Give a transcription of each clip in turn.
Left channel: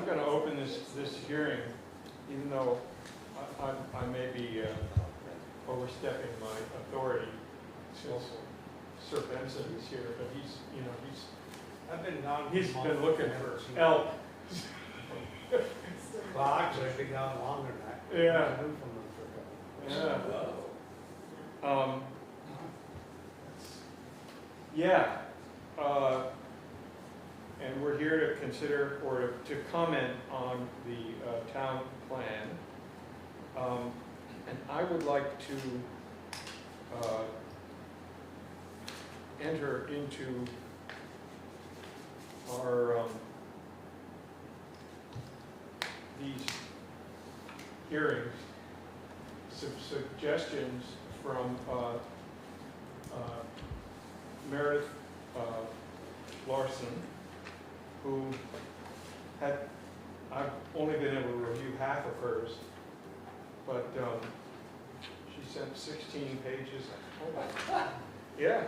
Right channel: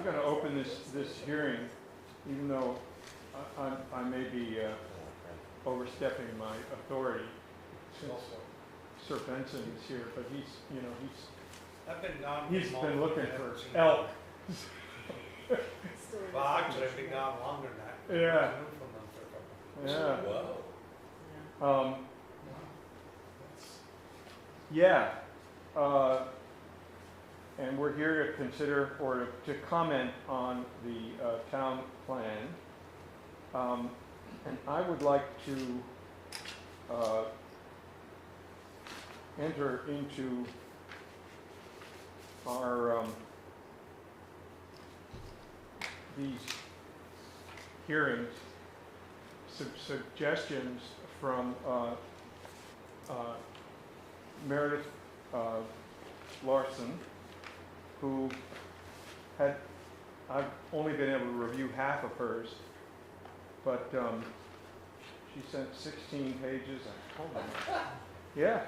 I'm going to open this hearing, even though I may be overstepping my authority since Sir Benson is here, but I've been gone. he's been looking for elk. Well, actually, I've been gone longer than that. Yeah. I've been from them for a couple of months. Yeah. Yeah. And we're here to consider or to comment on the town plan. And I would like to enter into our these hearings some suggestions from Meredith Larson, who had, I've only been able to review half of hers, but she sent 16 pages. Yeah.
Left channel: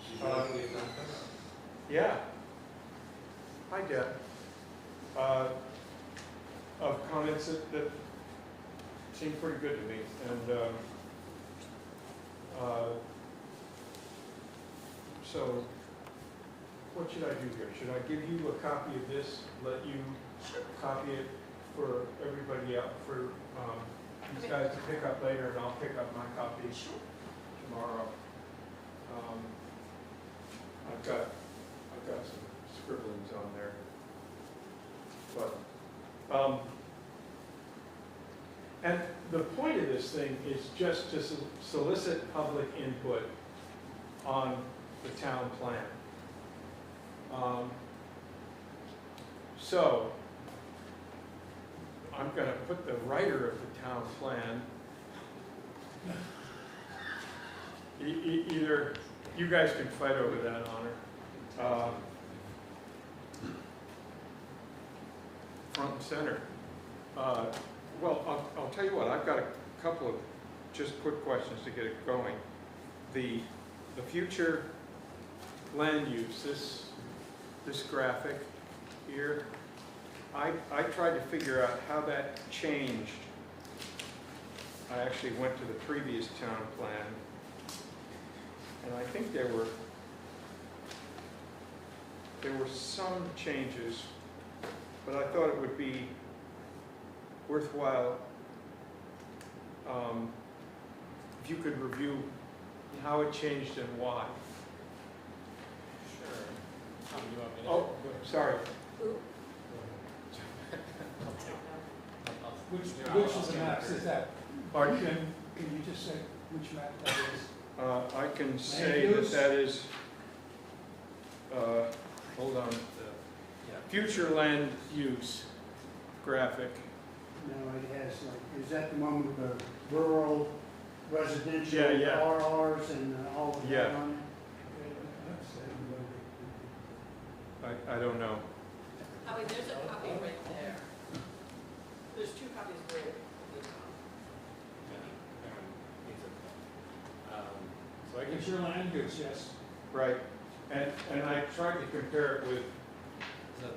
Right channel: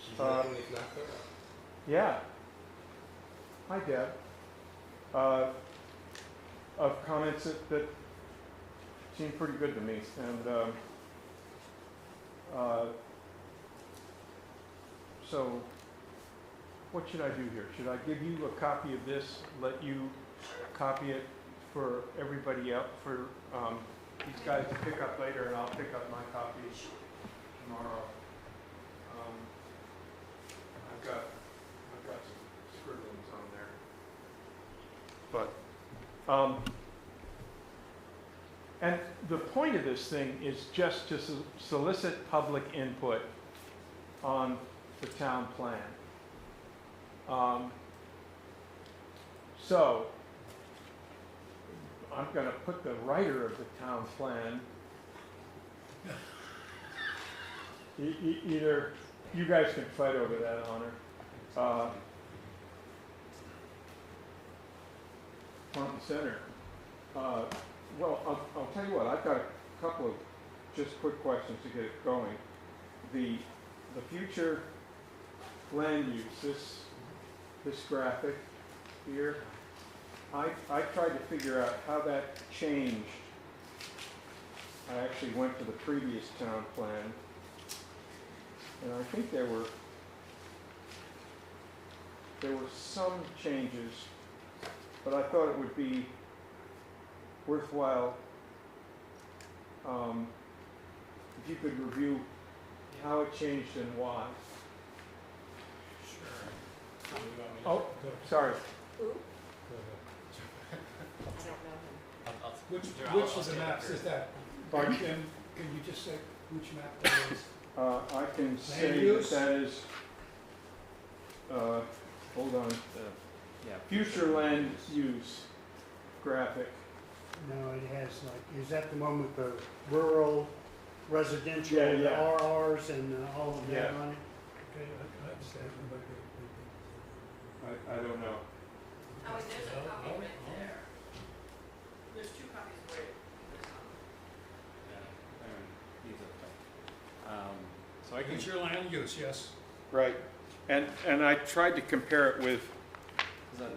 She's really good. Yeah. Hi, Deb. Of comments that seemed pretty good to me, and so what should I do here? Should I give you a copy of this, let you copy it for everybody else, for these guys to pick up later, and I'll pick up my copy tomorrow. I've got some scribblings on there, but and the point of this thing is just to solicit public input on the town plan. So I'm going to put the writer of the town plan, either you guys can fight over that honor, front and center. Well, I'll tell you what, I've got a couple of just quick questions to get it going. The future land use, this graphic here, I tried to figure out how that changed. I actually went to the previous town plan, and I think there were some changes, but I thought it would be worthwhile if you could review how it changed and why. Sure. Oh, sorry. Which of the maps is that? Pardon? Can you just say which map that is? I can say that is, hold on, future land use graphic. No, it has like, is that the one with the rural, residential, Yeah, yeah. RRs and all of Yeah. that on it? I don't know. I mean, there's a copy right there. There's two copies right there. So I get your land use, yes. Right, and I tried to compare it with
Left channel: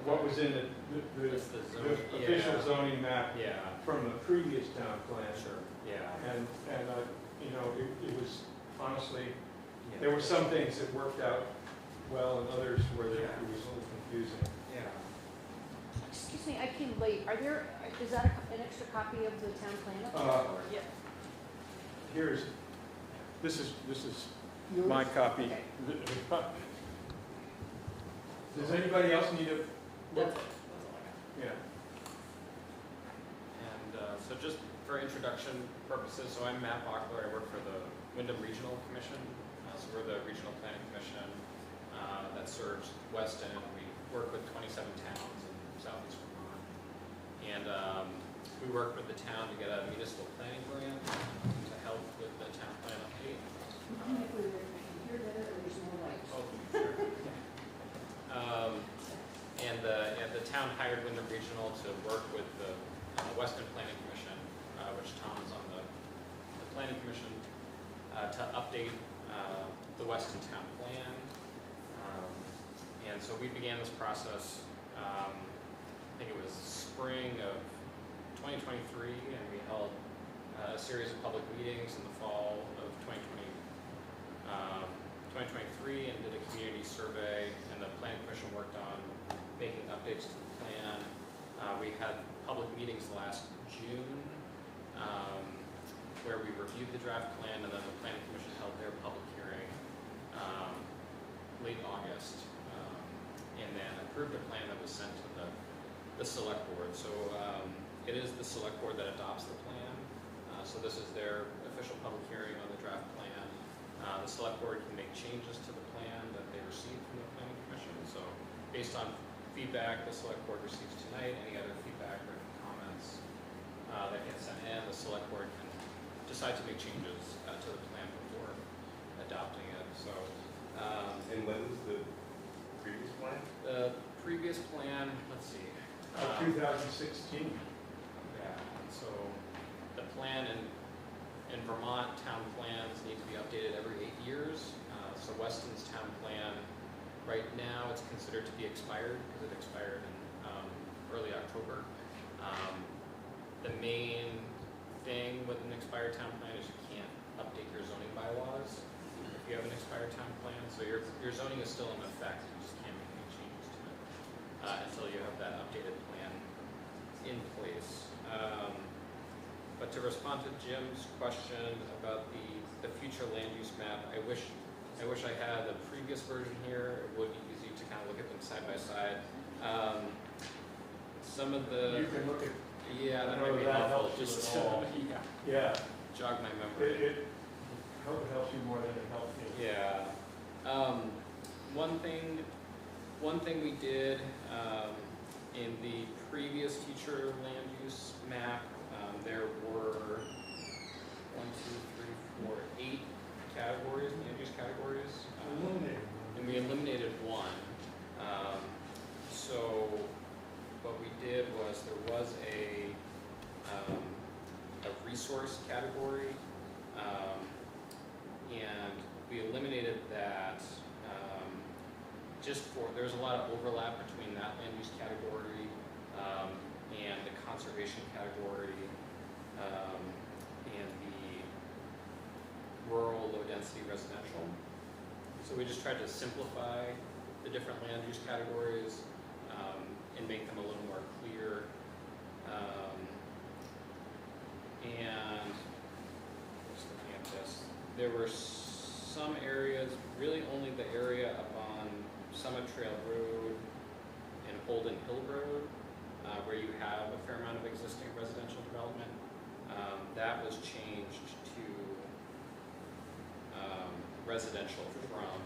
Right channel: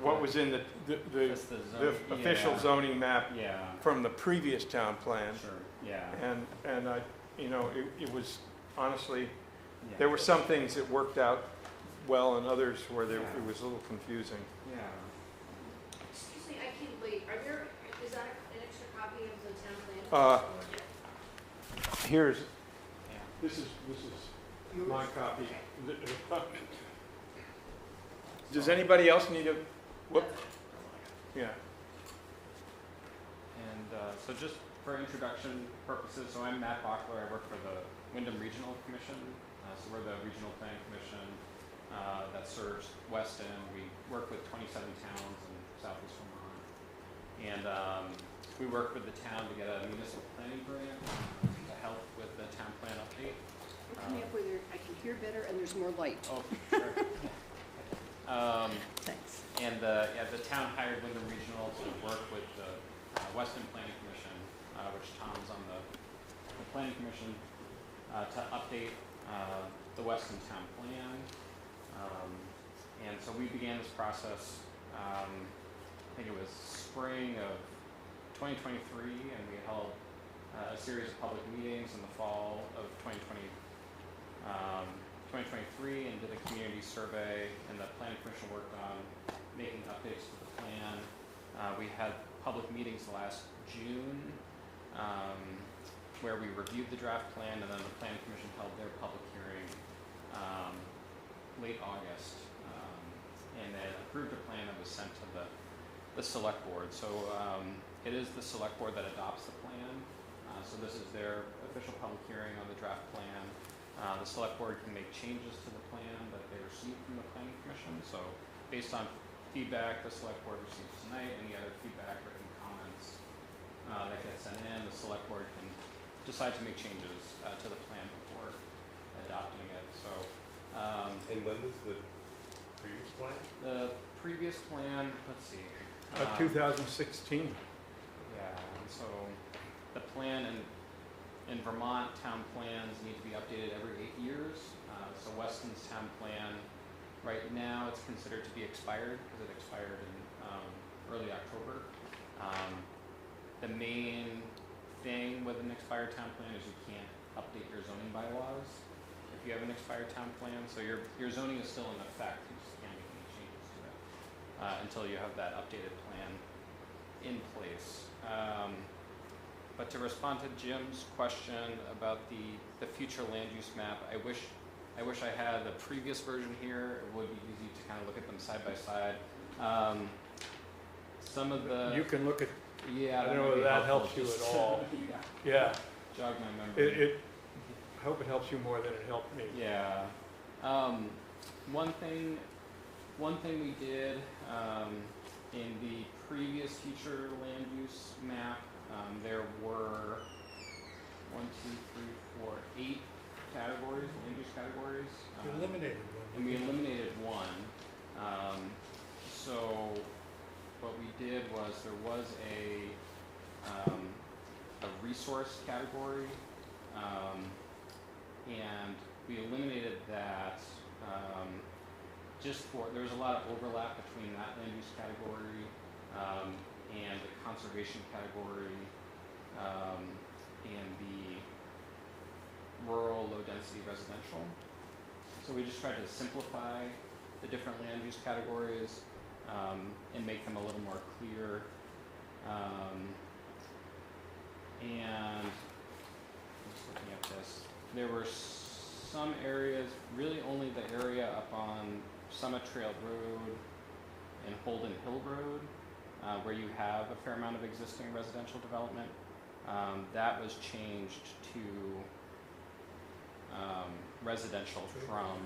what was in the official zoning map Yeah, from the previous town plan. sure, yeah. And I, it was honestly, there were some things that worked out well and others where it was a little confusing. Yeah. Excuse me, I came late. Is that an extra copy of the town plan? Here's, this is my copy. Does anybody else need a, what? Yeah. And so just for introduction purposes, so I'm Matt Bachler. I work for the Wyndham Regional Commission. So we're the regional planning commission that serves Weston. We work with 27 towns in southeast Vermont. And we work with the town to get a municipal planning grant to help with the town plan update. Put me up where I can hear better and there's more light. Oh, sure. Thanks. And the town hired Wyndham Regional to work with the Weston Planning Commission, which Tom's on the Planning Commission, to update the Weston Town Plan. And so we began this process I think it was spring of 2023, and we held a series of public meetings in the fall of 2023 and did a community survey, and the planning commission worked on making updates to the plan. We had public meetings last June where we reviewed the draft plan, and then the planning commission held their public hearing late August, and then approved a plan that was sent to the select board. So it is the select board that adopts the plan. So this is their official public hearing on the draft plan. The select board can make changes to the plan that they receive from the planning commission. So based on feedback the select board receives tonight, any other feedback or comments that get sent in, the select board can decide to make changes to the plan before adopting it. So And when was the previous plan? the previous plan, let's see. 2016. Yeah, and so the plan in Vermont, town plans need to be updated every 8 years. So Weston's town plan, right now, it's considered to be expired because it expired in early October. The main thing with an expired town plan is you can't update your zoning bylaws if you have an expired town plan. So your zoning is still in effect, you just can't make any changes to it until you have that updated plan in place. But to respond to Jim's question about the future land use map, I wish I had the previous version here. It would be easy to kind of look at them side by side. Some of the You can look at, yeah, I don't might know be if that helpful helps you just at to, all. yeah, yeah, jog my memory. I hope it helps you more than it helped me. Yeah. One thing we did in the previous future land use map, there were 8 categories, land use categories. Eliminated one. And we eliminated one. So what we did was there was a resource category, and we eliminated that just for, there was a lot of overlap between that land use category and the conservation category and the rural low density residential. So we just tried to simplify the different land use categories and make them a little more clear. And just looking at this, there were some areas, really only the area up on Summit Trail Road and Holden Hill Road, where you have a fair amount of existing residential development. That was changed to residential from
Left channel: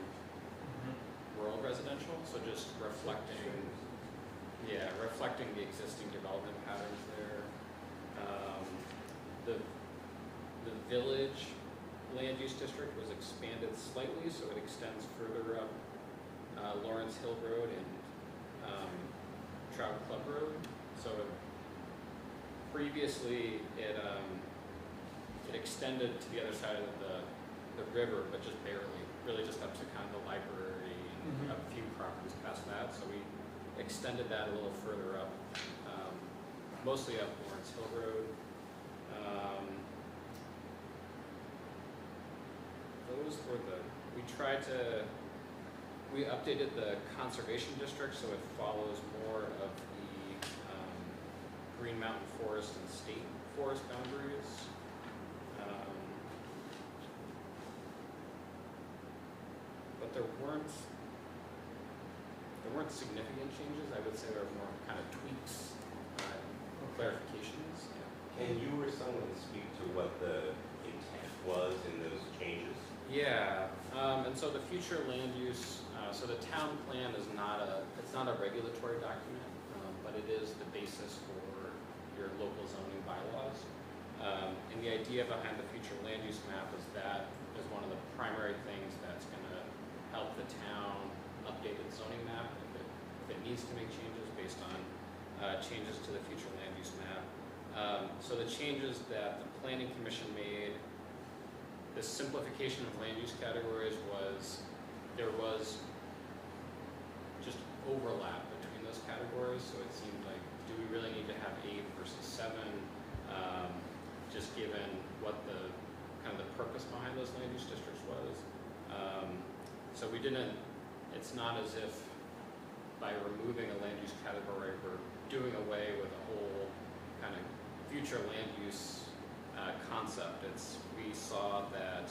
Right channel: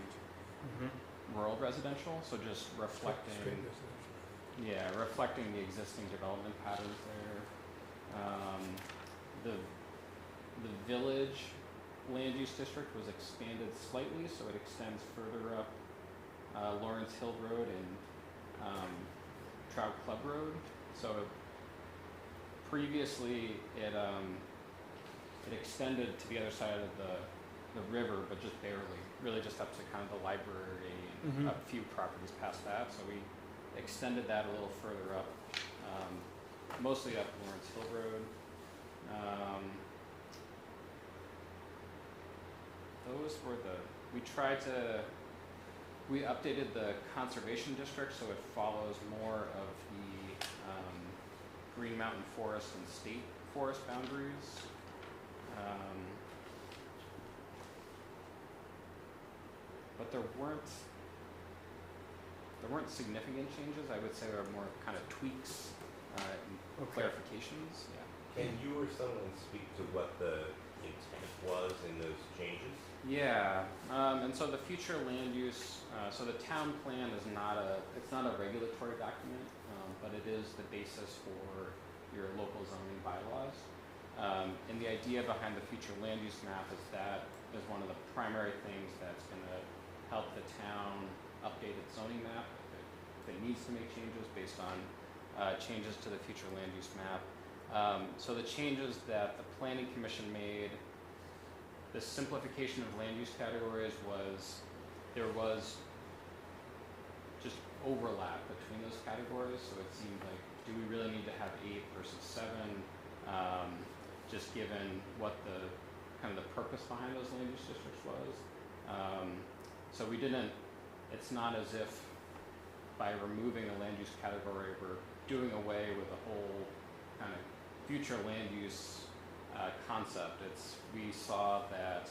rural residential, so just reflecting the existing development patterns there. The village land use district was expanded slightly, so it extends further up Lawrence Hill Road and Trout Club Road. So previously it extended to the other side of the river, but just barely, really just up to kind of the library and a few properties past that. So we extended that a little further up, mostly up Lawrence Hill Road. Those were we updated the conservation district so it follows more of the Green Mountain Forest and state forest boundaries. But there weren't significant changes. I would say there were more kind of tweaks and clarifications. Yeah. Can you or someone speak to what the intent was in those changes? Yeah, and so the future land use, so the town plan is not a regulatory document, but it is the basis for your local zoning bylaws. And the idea behind the future land use map is that is one of the primary things that's going to help the town update its zoning map if it needs to make changes based on changes to the future land use map. So the changes that the Planning Commission made, the simplification of land use categories was, there was just overlap between those categories, so it seemed like, do we really need to have 8 versus 7? Just given what the kind of the purpose behind those land use districts was. So we didn't, it's not as if by removing a land use category, we're doing away with the whole kind of future land use concept. We saw that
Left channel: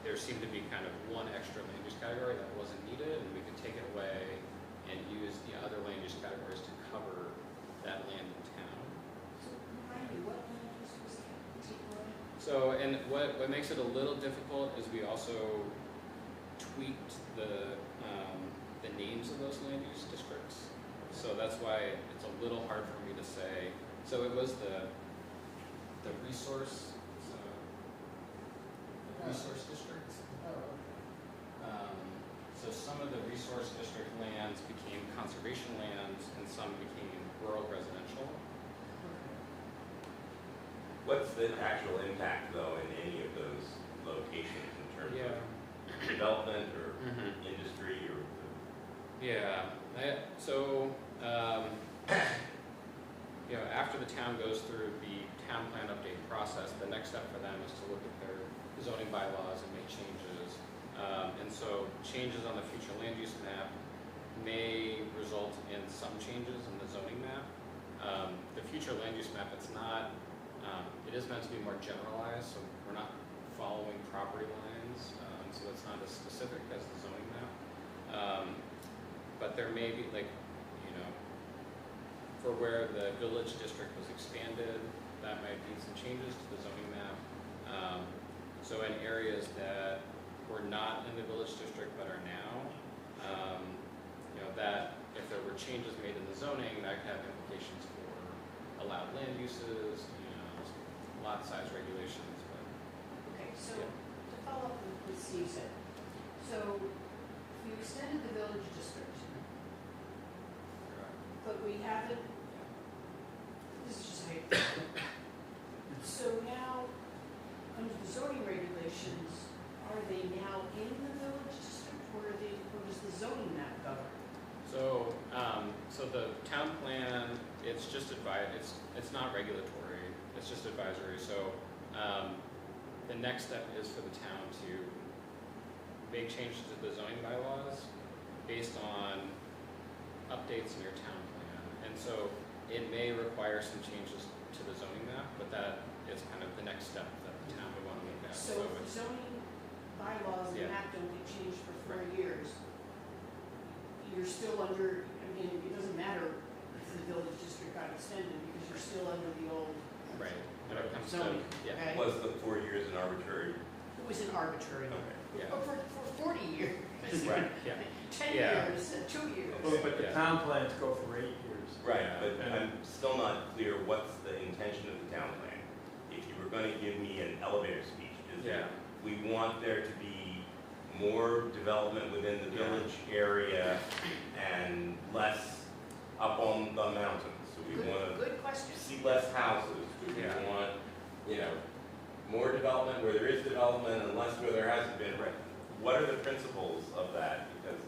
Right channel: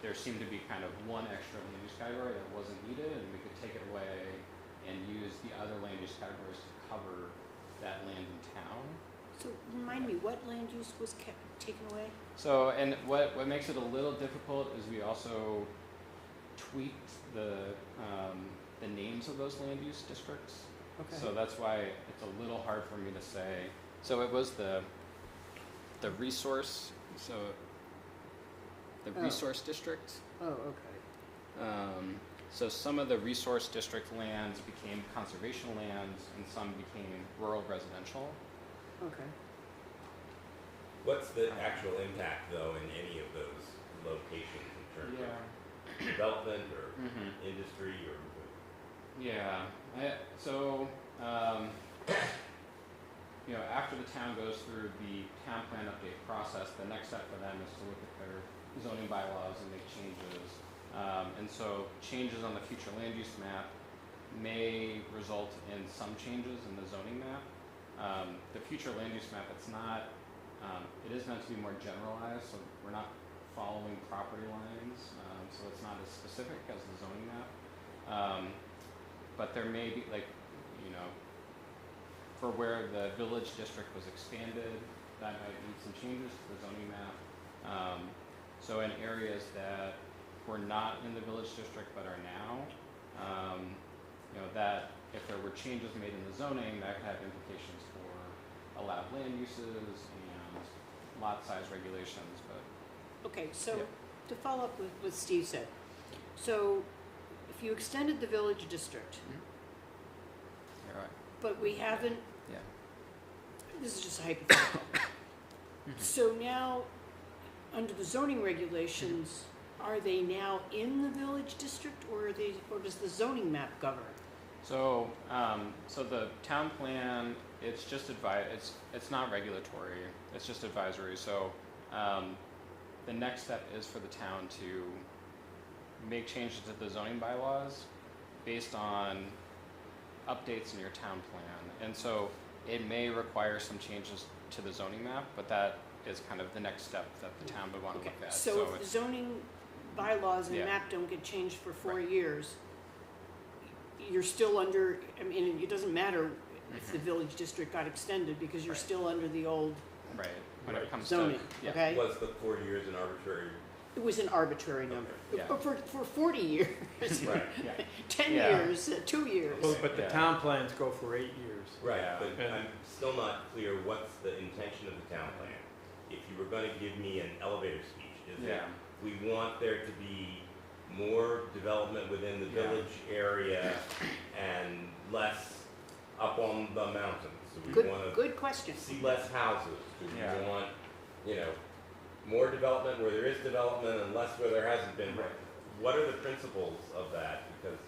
there seemed to be kind of one extra land use category that wasn't needed, and we could take it away and use the other land use categories to cover that land in town. So remind me, what land use was kept taken away? So, and what makes it a little difficult is we also tweaked the names of those land use districts. Okay. So that's why it's a little hard for me to say. So it was the resource, so the Oh. resource district. Oh, okay. So some of the resource district lands became conservation lands and some became rural residential. Okay. What's the actual impact, though, in any of those locations in terms of development or industry or? Yeah. So, after the town goes through the town plan update process, the next step for them is to look at their zoning bylaws and make changes. And so changes on the future land use map may result in some changes in the zoning map. The future land use map, it's not, it is meant to be more generalized, so we're not following property lines, so it's not as specific as the zoning map. But there may be, for where the village district was expanded, that might need some changes to the zoning map. So in areas that were not in the village district but are now, that if there were changes made in the zoning, that could have implications for allowed land uses and lot size regulations. But Okay, so to follow up with what Steve said, so if you extended the village district, you're right. but we haven't, Yeah. this is just hypothetical. So now, under the zoning regulations, are they now in the village district, or does the zoning map govern? So, so the town plan, it's just it's not regulatory, it's just advisory. So, the next step is for the town to make changes to the zoning bylaws based on updates in your town plan. And so it may require some changes to the zoning map, but that is kind of the next step that the town would want to look at. So if the zoning bylaws and Yeah. map don't get changed for 4 Right. years, you're still under, I mean, it doesn't matter if the village district got extended because you're still under the old Right, when it comes zoning, to, yeah. okay? Was the 4 years an arbitrary? It was an arbitrary number. Okay, yeah. But for 40 years, Right, yeah. 10 Yeah. years, 2 years. Well, but the Yeah. town plans go for 8 years. Right, Yeah. but I'm still not clear what's the intention of the town plan. If you were going to give me an elevator speech, is Yeah. it, we want there to be more development within the Yeah. village area and less up on the mountains? Do we want to Good question. see less houses? Do we Yeah. want, more development where there is development and less where there hasn't been? Right. What are the principles of that? Because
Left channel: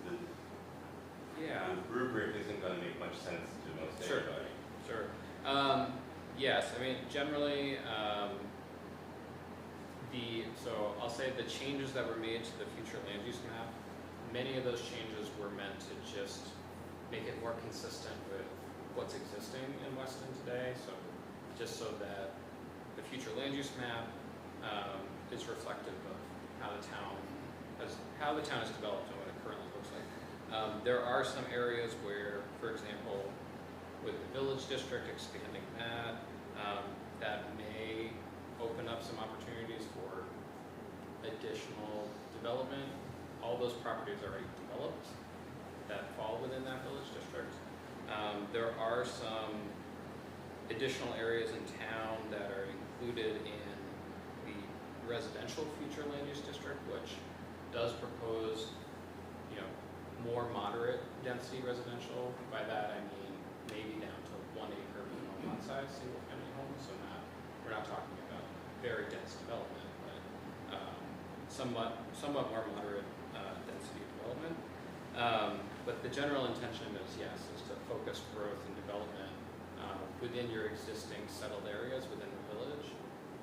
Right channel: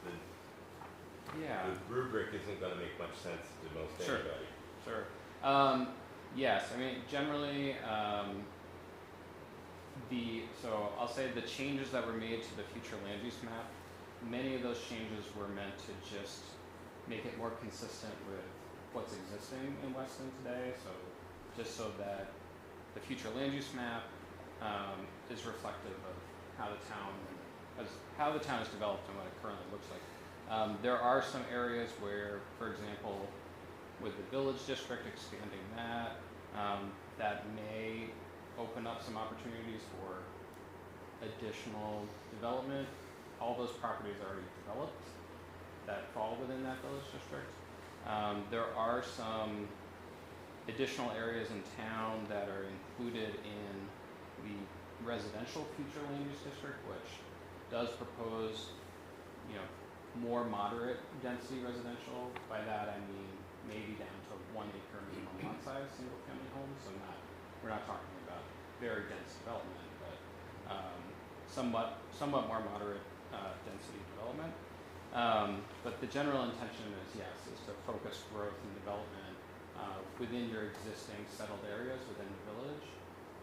Yeah. the rubric isn't going to make much sense to most Sure. everybody. Sure. Yes, I mean, generally, so I'll say the changes that were made to the future land use map, many of those changes were meant to just make it more consistent with what's existing in Weston today. So just so that the future land use map is reflective of how the town is developed and what it currently looks like. There are some areas where, for example, with the village district expanding that, that may open up some opportunities for additional development. All those properties are already developed that fall within that village district. There are some additional areas in town that are included in the residential future land use district, which does propose, more moderate density residential. By that I mean maybe down to 1 acre minimum lot size, single family homes. So we're not talking about very dense development, but somewhat more moderate density development. But the general intention is, yes, is to focus growth and development within your existing settled areas within the village,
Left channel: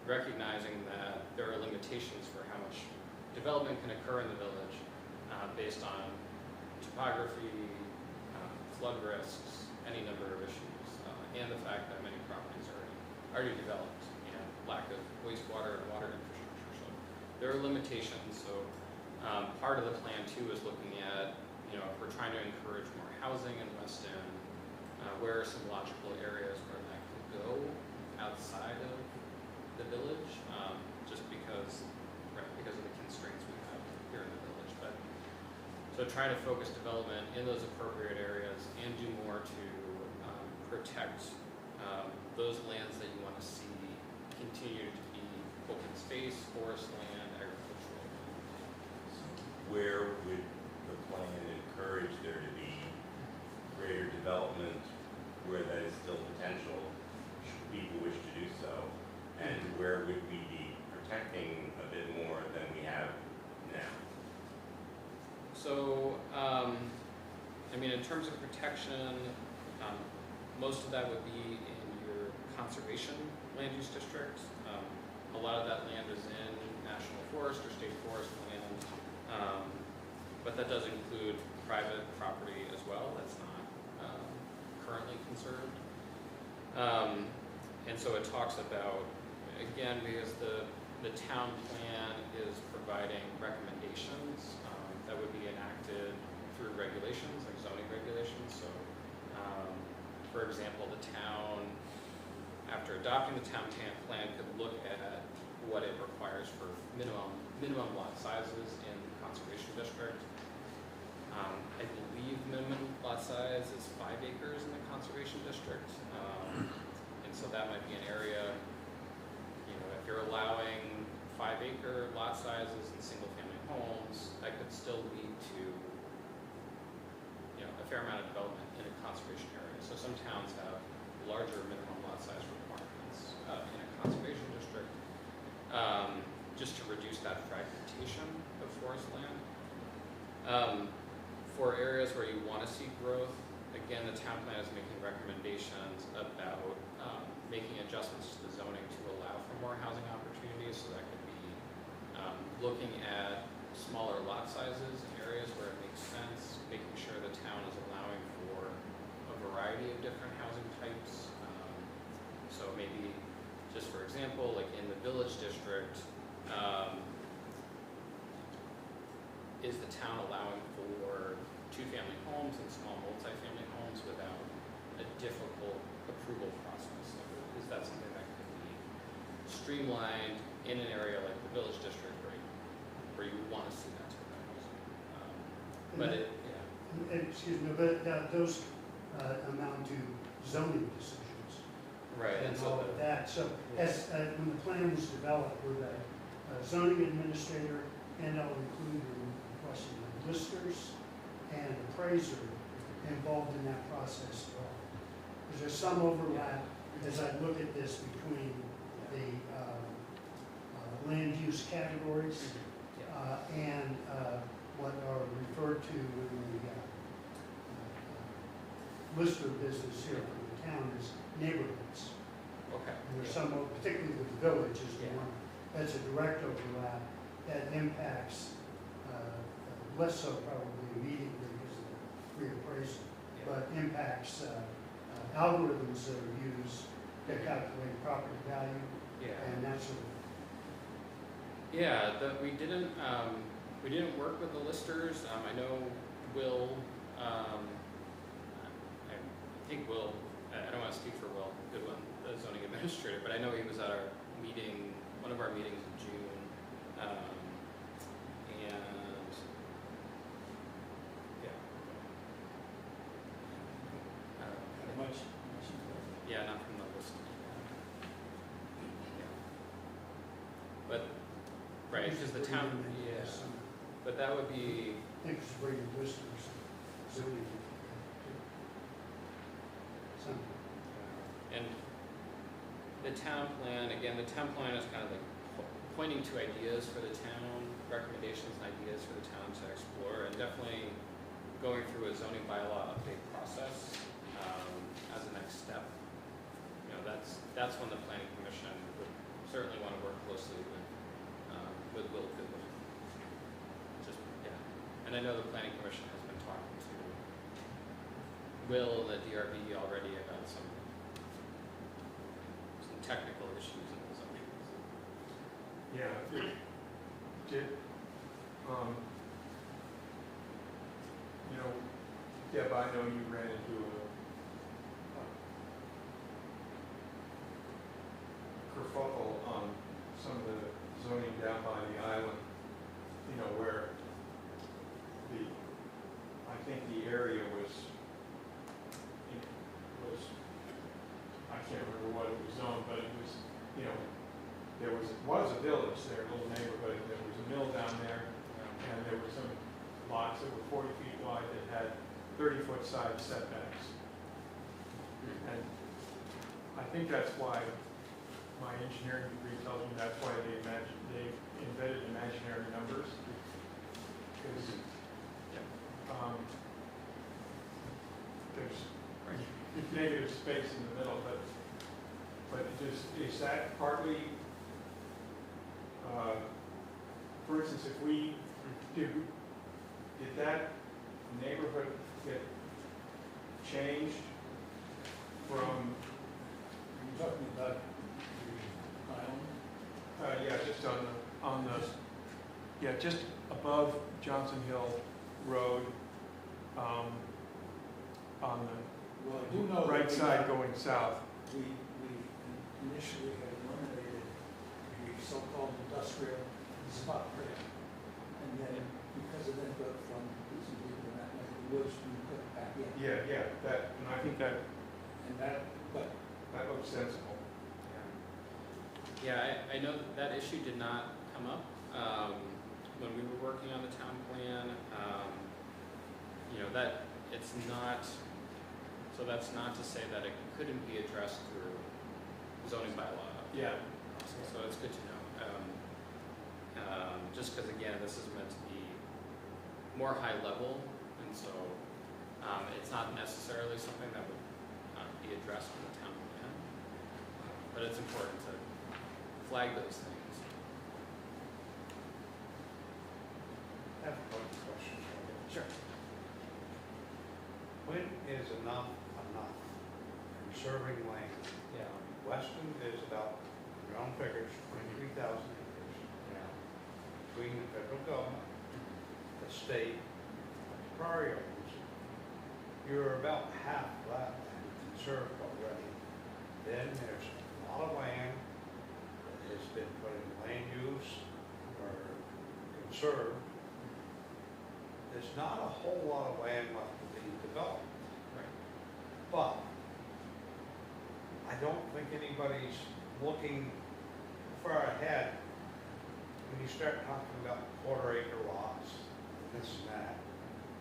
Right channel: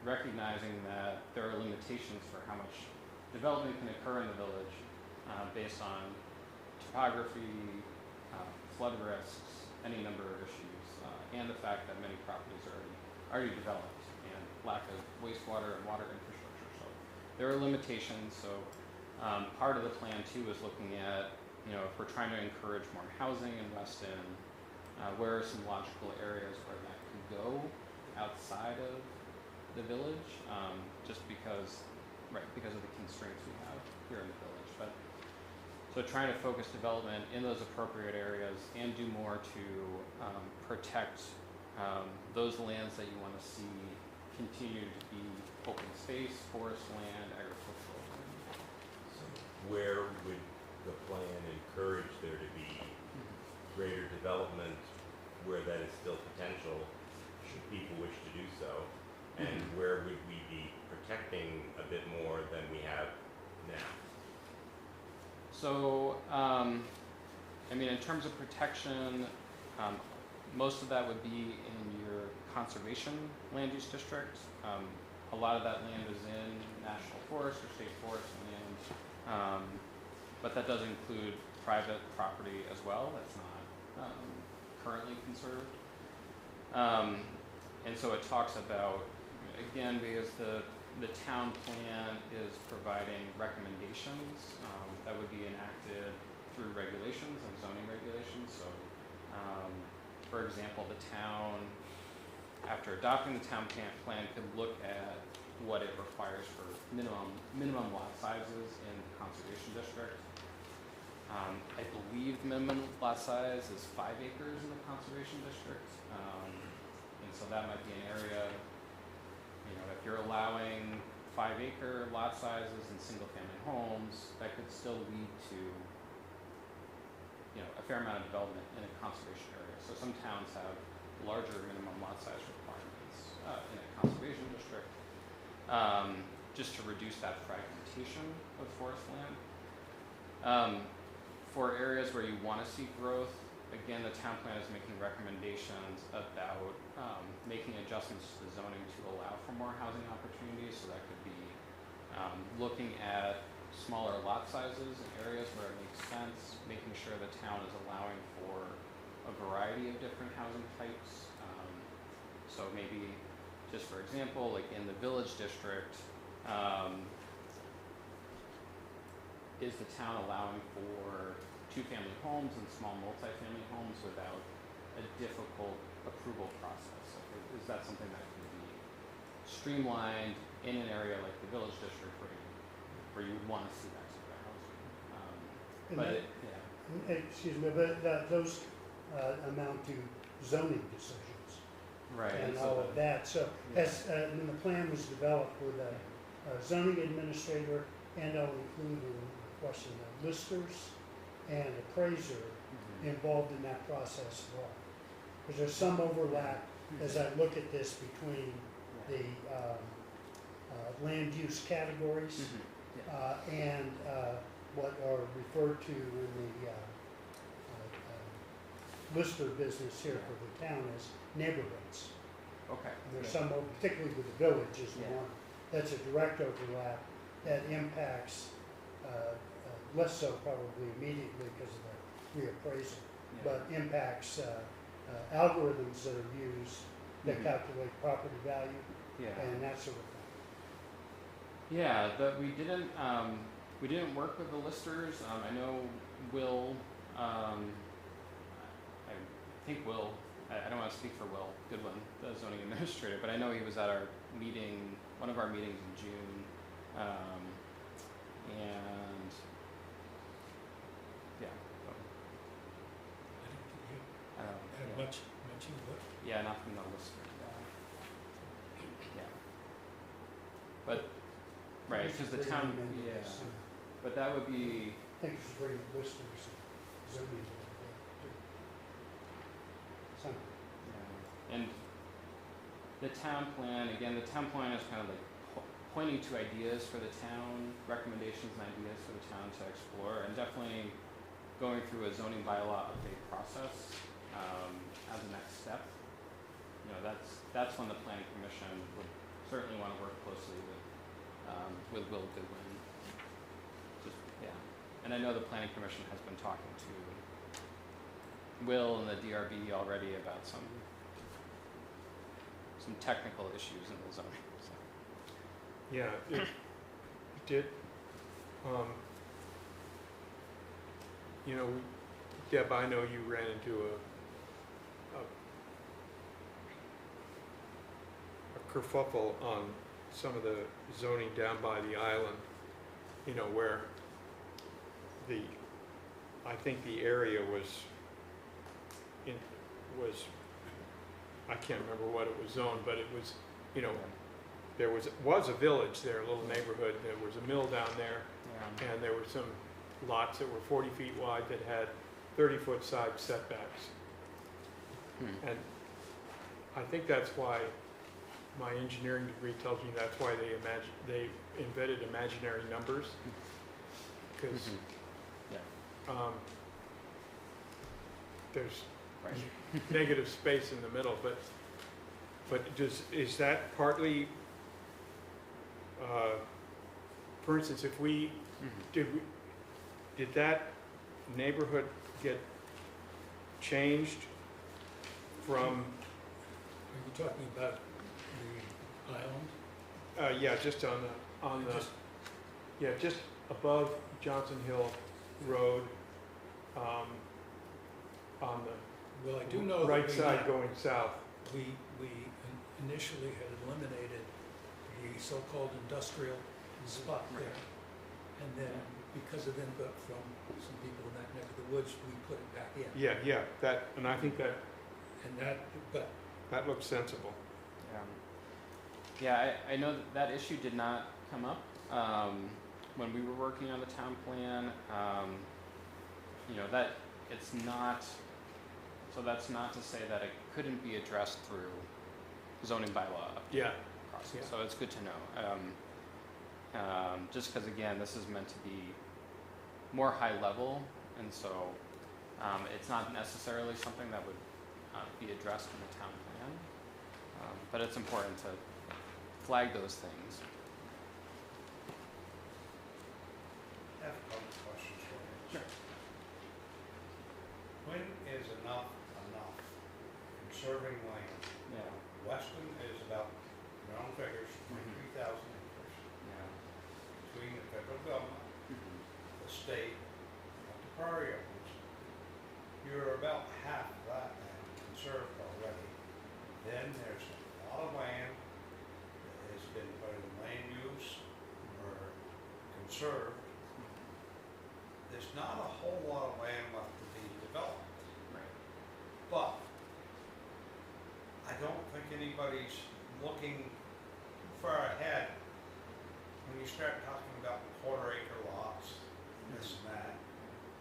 recognizing that there are limitations for how much development can occur in the village based on topography, flood risks, any number of issues, and the fact that many properties are already developed and lack of wastewater and water infrastructure. So there are limitations. So part of the plan too is looking at, if we're trying to encourage more housing in Weston, where are some logical areas where that could go outside of the village, just because of the constraints we have here in the village. But so trying to focus development in those appropriate areas and do more to protect those lands that you want to see continue to be open space, forest land, agricultural land. Where would the plan encourage there to be greater development where that is still potential, should people wish to do so? And where would we be protecting a bit more than we have now? So, in terms of protection, most of that would be in your conservation land use district. A lot of that land is in national forest or state forest land, but that does include private property as well that's not currently conserved. And so it talks about, again, because the town plan is providing recommendations that would be enacted through regulations, like zoning regulations. So, for example, the town, after adopting the town plan, could look at what it requires for minimum lot sizes in the conservation district. I believe minimum lot size is 5 acres in the conservation district, and so that might be an area. If you're allowing 5-acre lot sizes in single-family homes, that could still lead to a fair amount of development in a conservation area. So some towns have larger minimum lot size requirements in a conservation district, just to reduce that fragmentation of forest land. For areas where you want to see growth, again, the town plan is making recommendations about making adjustments to the zoning to allow for more housing opportunities. So that could be looking at smaller lot sizes in areas where it makes sense, making sure the town is allowing for a variety of different housing types. So maybe, just for example, like in the village district, is the town allowing for 2-family homes and small multi-family homes without a difficult approval process? Is that something that could be streamlined in an area like the village district where you want to see that type of housing? Excuse me, but those amount to zoning decisions. Right. And all of that. So as when the plan was developed with a zoning administrator, and I'll include the question of listers and appraiser involved in that process as well. Because there's some overlap as I look at this between the land use categories and what are referred to in the lister business here for the town as neighborhoods. Okay. There's some, particularly with the village is one, that's a direct overlap that impacts, less so probably immediately because of the reappraisal, but impacts algorithms that are used that calculate property value and that sort of thing. Yeah, we didn't work with the listers. I know Will, I think Will, I don't want to speak for Will Goodwin, the zoning administrator, but I know he was at our meeting, one of our meetings in June, and yeah, not from the list. But right, because the town, but that would be. I think it's very listers, zoning. And the town plan, again, the town plan is kind of like pointing to ideas for the town, recommendations and ideas for the town to explore, and definitely going through a zoning bylaw update process as a next step. You know, that's when the planning commission would certainly want to work closely with Will Goodwin. Just, yeah. And I know the planning commission has been talking to Will and the DRB already about some technical issues in the zoning. So. Yeah, did, you know, Deb, I know you ran into a kerfuffle on some of the zoning down by the island, you know, where I think the area was, I can't remember what it was zoned, but it was, you know, there was a village there, a little neighborhood, and there was a mill down there, and there were some lots that were 40 feet wide that had 30-foot side setbacks. And I think that's why my engineering degree tells me that's why they invented imaginary numbers, because there's negative space in the middle, but is that partly, for instance, if did that neighborhood get changed from? You're talking about the island? Yeah, just on the, yeah, just above Johnson Hill Road, on the Well, I do know. right that side going south. We initially had eliminated the so-called industrial spot there. And then, because it ended up from some people in that neck of the woods, we put it back in. Yeah, and I think that looks sensible. Yeah, I know that issue did not come up when we were working on the town plan. You know, that it's not, so that's not to say that it couldn't be addressed through zoning bylaw Yeah. process. So it's good to know. Just because, again, this is meant to be more high level, and so it's not necessarily something that would be addressed in the town plan. But it's important to flag those things. I have one question for you. Sure. When is enough enough? Conserving land. Yeah. Weston is about, your own figures, 23,000 acres. Yeah. Between the federal government, the state, and the prairie owners, you're about half that land conserved already. Then there's a lot of land that has been put in land use or conserved. There's not a whole lot of land left to be developed. Right. But I don't think anybody's looking far ahead when you start talking about quarter-acre lots, this and that,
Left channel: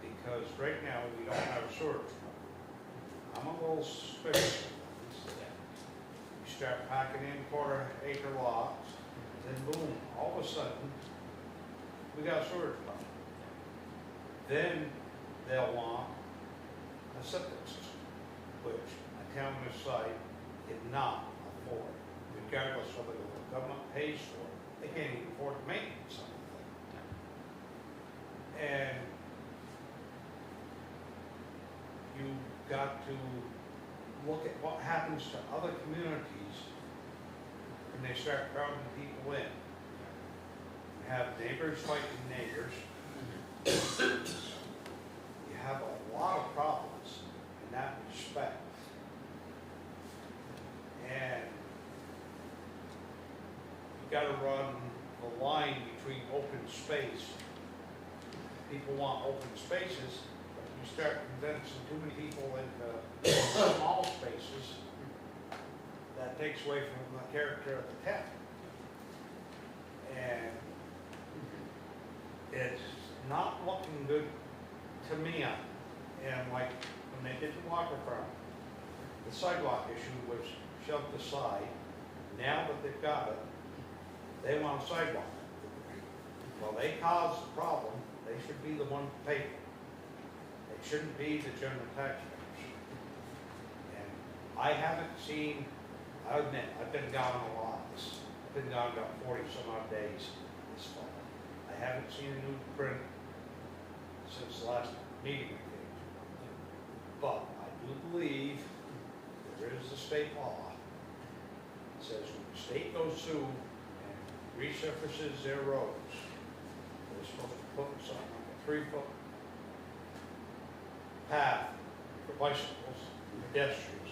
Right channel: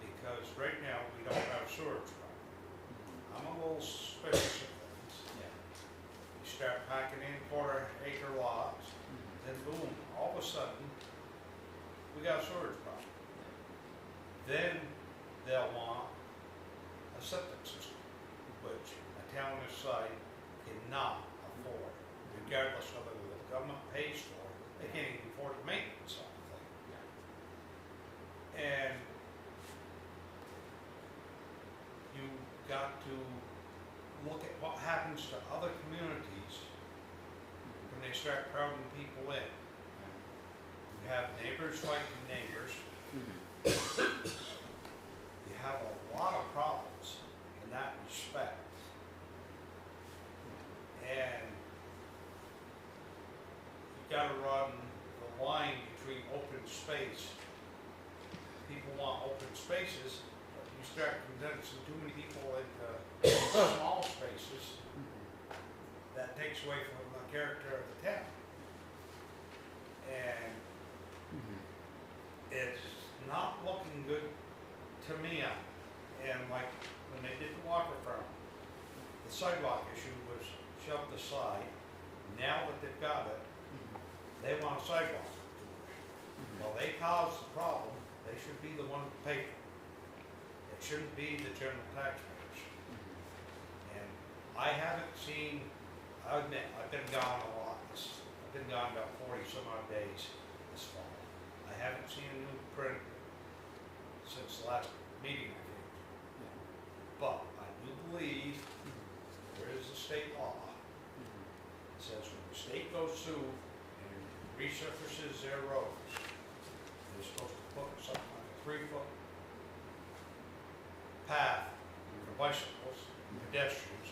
because right now we don't have sewage. I'm a little suspicious of things. You start packing in quarter-acre lots, then boom, all of a sudden, we got a sewage problem. Then they'll want a septic system, which a town this site cannot afford, regardless of whether the government pays for it. They can't even afford to maintain something. And you've got to look at what happens to other communities when they start crowding people in. You have neighbors fighting neighbors. You have a lot of problems in that respect. And you gotta run the line between open space. People want open spaces, but if you start condensing too many people into small spaces, that takes away from the character of the town. And it's not looking good to me. And like when they did the waterfront, the sidewalk issue was shoved aside. Now that they've got it, they want a sidewalk. Well, they caused the problem. They should be the one to pay for it. They it shouldn't be the general taxpayers. And I haven't seen, I admit, I've been gone a lot, I've been gone about 40 some odd days this fall. I haven't seen a new print since the last meeting we came to. But I do believe that there is a state law that says when the state goes through and resurfaces their roads, they're supposed to put something like a 3-foot path for bicycles and pedestrians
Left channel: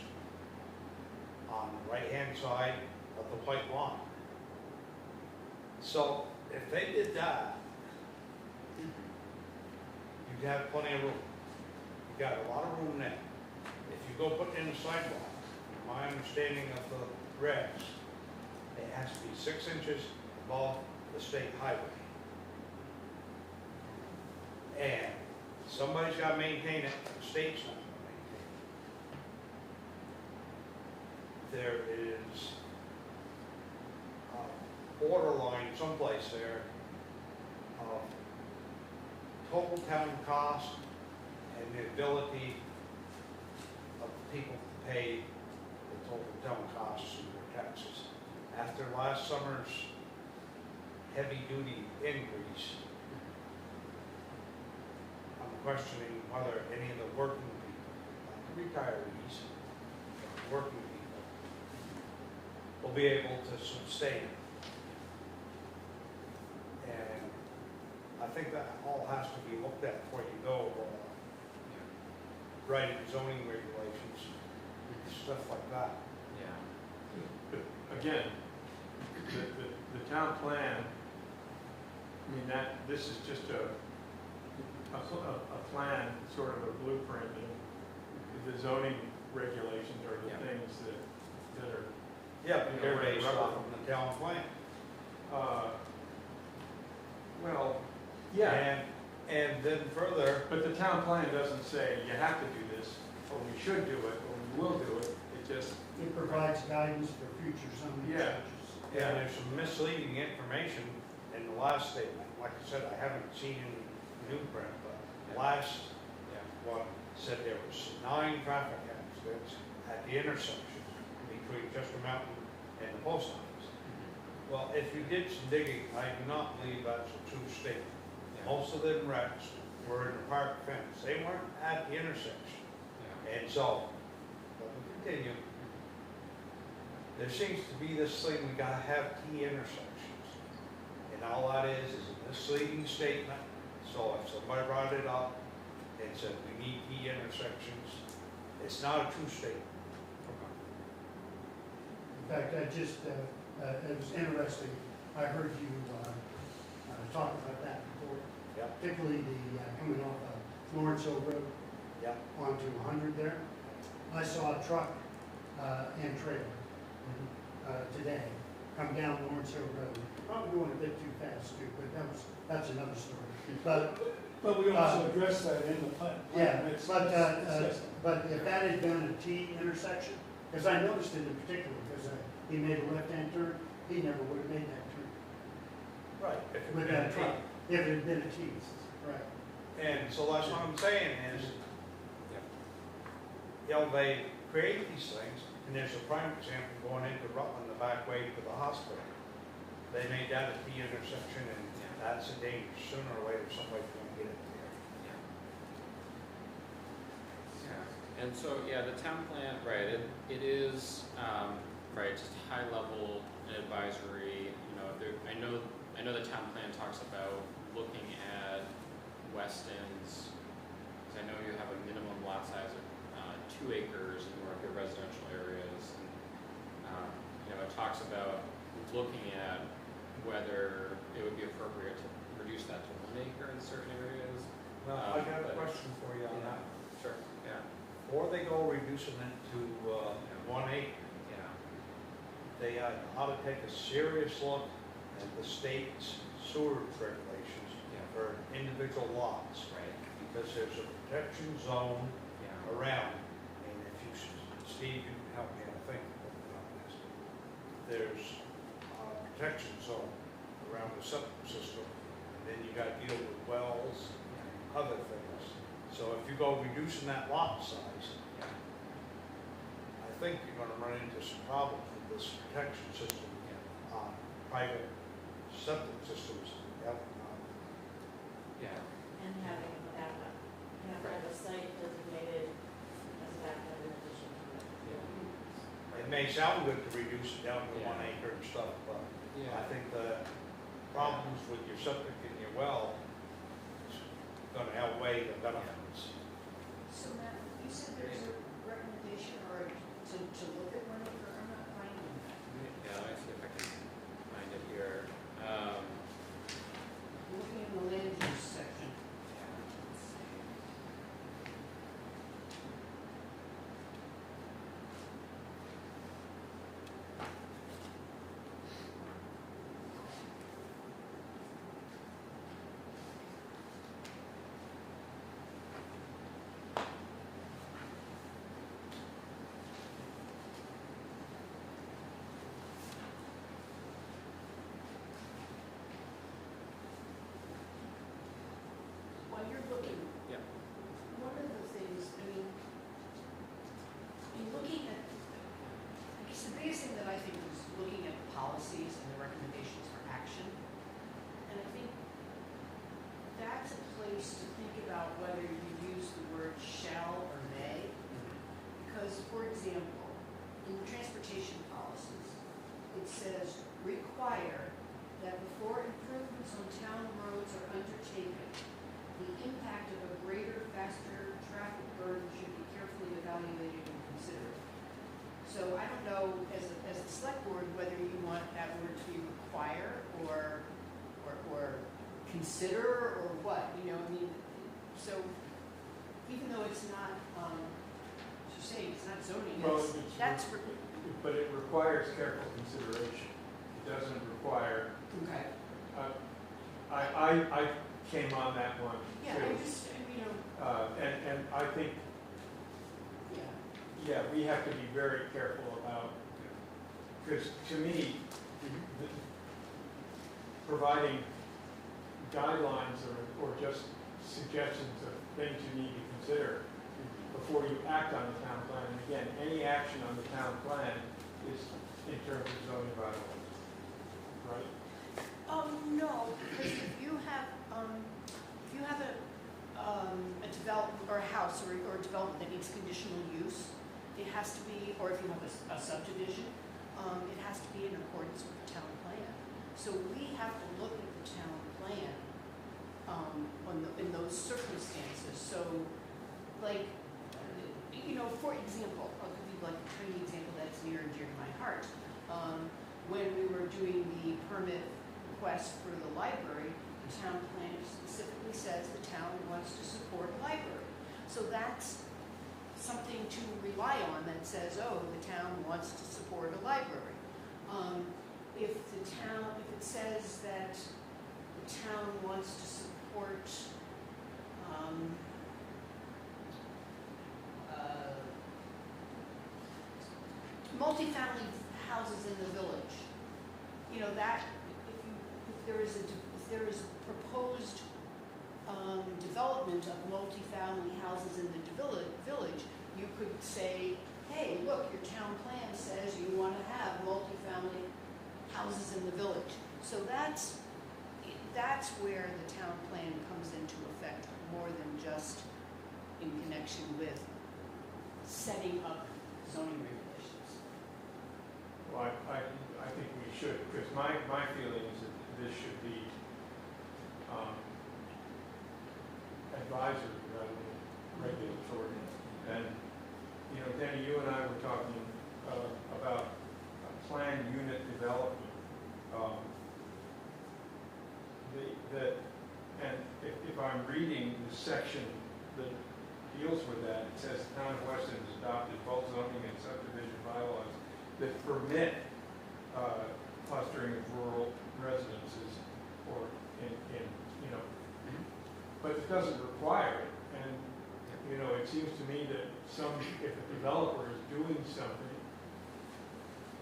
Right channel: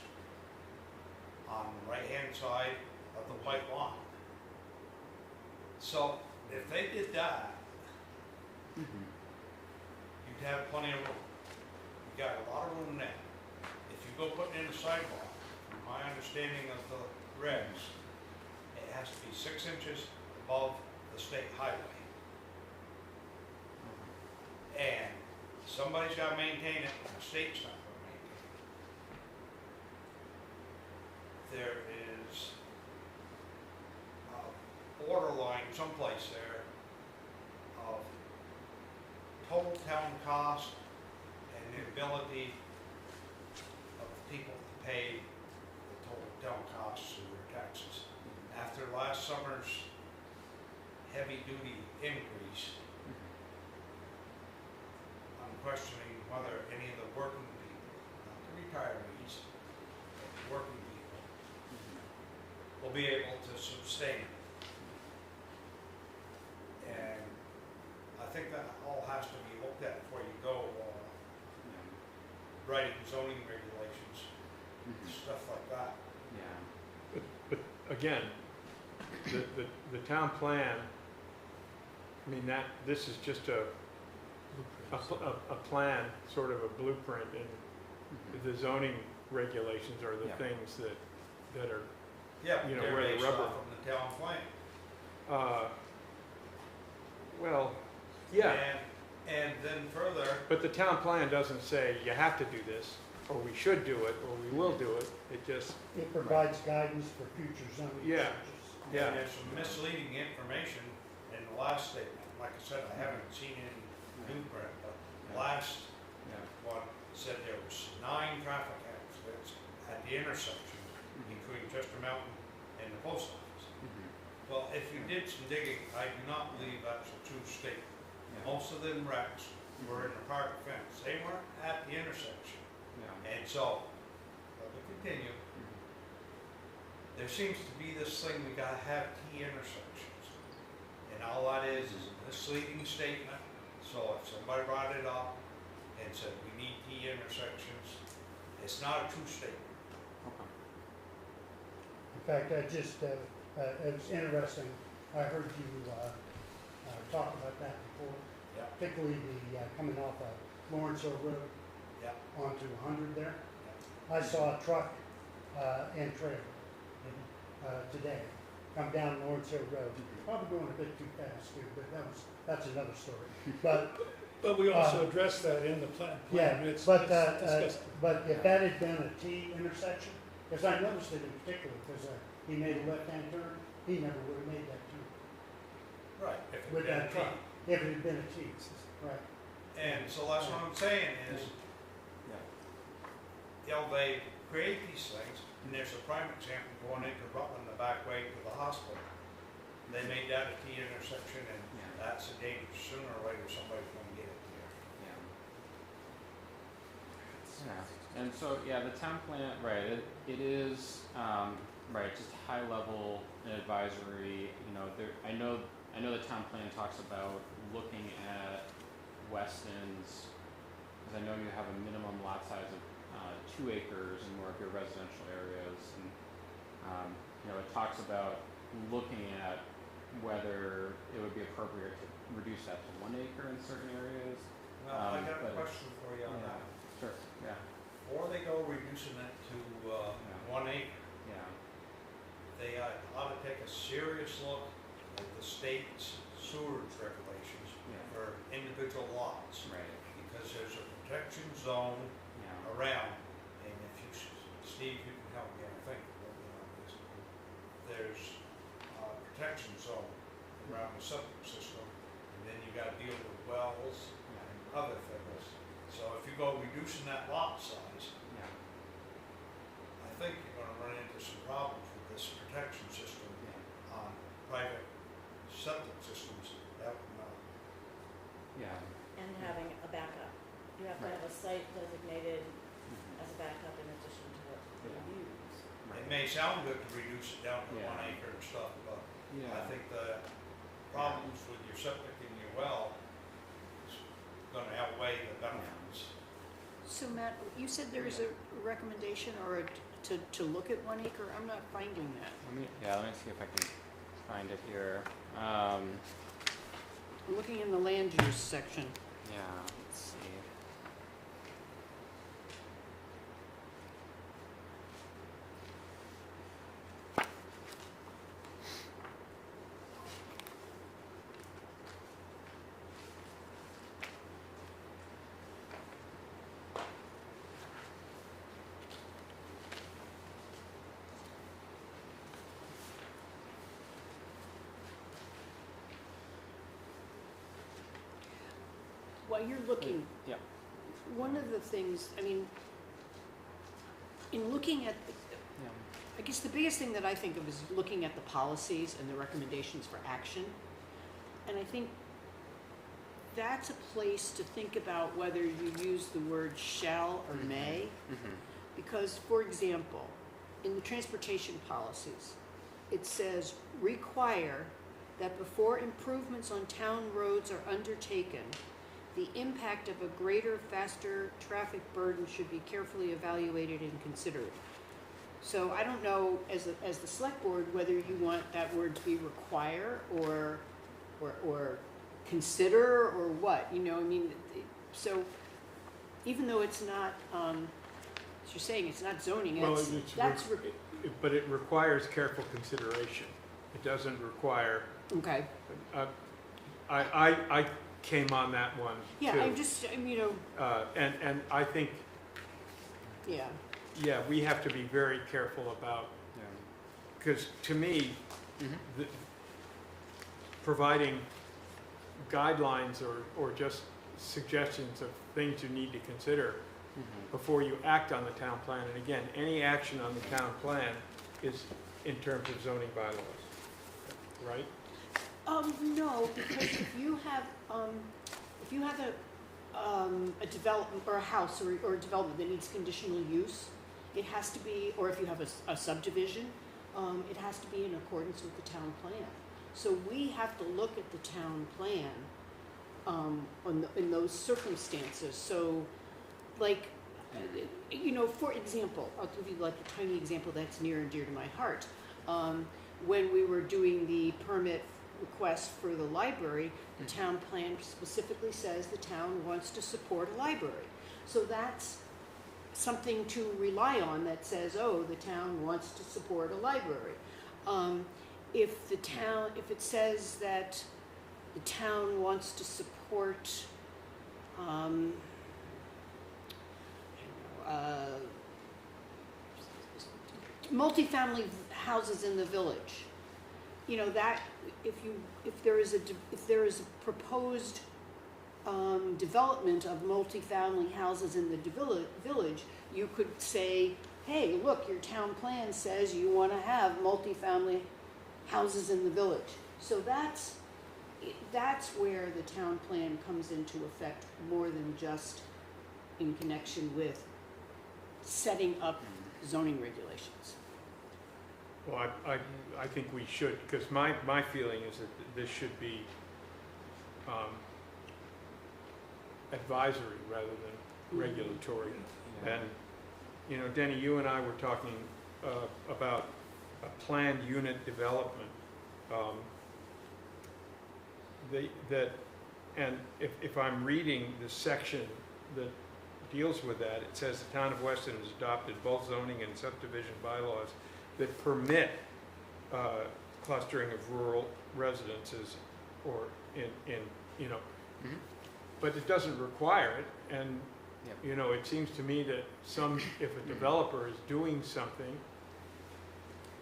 on the right-hand side of the white line. So if they did that, you'd have plenty of room. You got a lot of room there. If you go putting in a sidewalk, my understanding of the regs, it has to be 6 inches above the state highway. And somebody's got to maintain it, and the state's not going to maintain it. There is a borderline someplace there of total town cost and the ability of the people to pay the total town costs and their taxes. After last summer's heavy-duty increase, I'm questioning whether any of the working people, retirees, working people, will be able to sustain it. And I think that all has to be looked at before you go writing zoning regulations, stuff like that. Yeah. But again, the town plan, I mean, this is just a plan, sort of a blueprint, and the zoning regulations are the Yeah. things that are, Yeah, You know, they're where the based rubber- off from the town plan. well, yeah, And then further, but the town plan doesn't say you have to do this, or we should do it, or we will do it. It just, It provides guidance for future zoning Yeah. changes. yeah, there's some misleading information in the last statement. Like I said, I haven't seen any new print, but last one said there was 9 traffic accidents at the intersection between Chester Mountain and the post office. Well, if you did some digging, I do not believe that's a true statement. Most of them wrecks were in the park fence. They weren't at the intersection. And so, let me continue. There seems to be this thing, we gotta have T intersections. And all that is a misleading statement. So if somebody brought it up and said we need T intersections, it's not a true statement. In fact, it was interesting, I heard you talk about that before, Yep. particularly the coming off of Lawrence Hill Road Yep. onto 100 there. I saw a truck and trailer today come down Lawrence Hill Road, probably going a bit too fast too, but that's another story. But we also addressed that in the plan. Yeah, It's- but it's discussed. if that had been a T intersection, because I noticed it in particular, because he made a left-hand turn, he never would have made that turn Right. If it with had that been truck, if it had been a T. Right. And so that's what I'm saying is, you know, they create these things, and there's a prime example going into Rutland the back way to the hospital. They made that a T intersection, and that's a danger. Sooner or later, somebody's gonna get it there. Yeah, and so, yeah, the town plan, right, it is, right, just high level advisory, you know, I know the town plan talks about looking at Weston's, because I know you have a minimum lot size of 2 acres in more of your residential areas, and, you know, it talks about looking at whether it would be appropriate to reduce that to 1 acre in certain areas. Well, I have a but- question for you on that. Sure, yeah, Before they go reducing it to 1 acre, yeah. they ought to take a serious look at the state's sewer regulations for individual lots, Right, because there's a protection zone yeah. around, and if you, Steve, you can help me, I think, on this. There's a protection zone around the septic system, and then you gotta deal with wells and other things. So if you go reducing that lot size, I think you're gonna run into some problems with this protection system on private septic systems. Yeah. And having a backup. You have to have a site designated as a backup in addition to it. It may sound good to reduce it down to Yeah. 1 acre and stuff, but Yeah. I think the problems with your septic and your well is gonna outweigh the benefits. So Matt, you said there is a recommendation or to look at 1 acre, I'm not finding that. Yeah, let me see if I can find it here. I'm looking in the land use section. Yeah, let's see. While you're looking, Yeah. one of the things, I mean, in looking at, I guess the biggest thing that I think of is looking at the policies and the recommendations for action. And I think that's a place to think about whether you use the word shall or may. Because, for example, in the transportation policies, it says require that before improvements on town roads are undertaken, the impact of a greater, faster traffic burden should be carefully evaluated and considered. So I don't know, as the select board, whether you want that word to be require or consider or what, you know, I mean, so even though it's not, as you're saying, it's not zoning, Well, that's, but it requires careful consideration. It doesn't require, okay. I came on that one too. Yeah, I'm just, you know, And I think, yeah, we have to be very careful about, because to me, the- providing guidelines or just suggestions of things you need to consider before you act on the town plan. And again, any action on the town plan is in terms of zoning bylaws, right? no, because if you have a development or a house or a development that needs conditional use, it has to be, or if you have a subdivision, it has to be in accordance with the town plan. So we have to look at the town plan, in those circumstances. So, like, you know, for example, I'll give you like a tiny example that's near and dear to my heart. When we were doing the permit request for the library, the town plan specifically says the town wants to support a library. So that's something to rely on that says, oh, the town wants to support a library. If it says that the town wants to support multifamily houses in the village, you know, that if there is a proposed development of multifamily houses in the village, you could say, hey, look, your town plan says you want to have multifamily houses in the village. So that's where the town plan comes into effect more than just in connection with setting up zoning regulations. Well, I think we should, because my feeling is that this should be advisory rather than regulatory. And, you know, Denny, you and I were talking about a planned unit development. And if I'm reading the section that deals with that, it says the town of Weston has adopted both zoning and subdivision bylaws that permit clustering of rural residences or in you know, but it doesn't require it. And, you know, it seems to me that if a developer is doing something,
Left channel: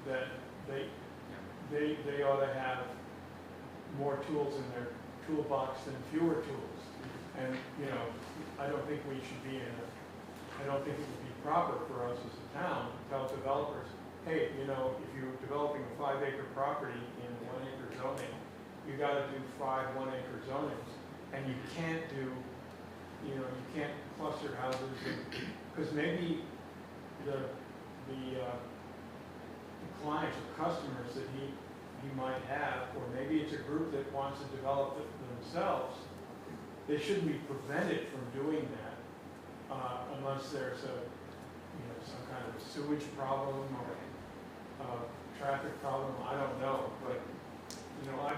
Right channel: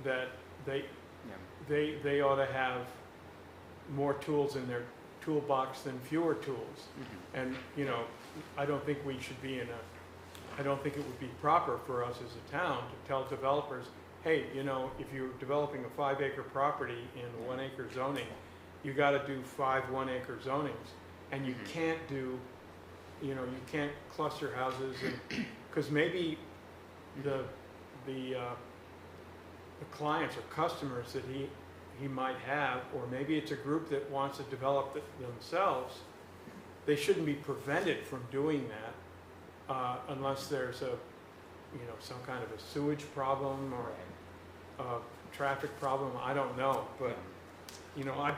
that they ought to have more tools in their toolbox than fewer tools. And, you know, I don't think we should be I don't think it would be proper for us as a town to tell developers, hey, you know, if you're developing a 5-acre property in 1-acre zoning, you gotta do 5 1-acre zonings. And you can't do, you know, you can't cluster houses, because maybe the clients or customers that he might have, or maybe it's a group that wants to develop it themselves, they shouldn't be prevented from doing that unless there's a, you know, some kind of a sewage problem or a traffic problem. I don't know, but, you know, I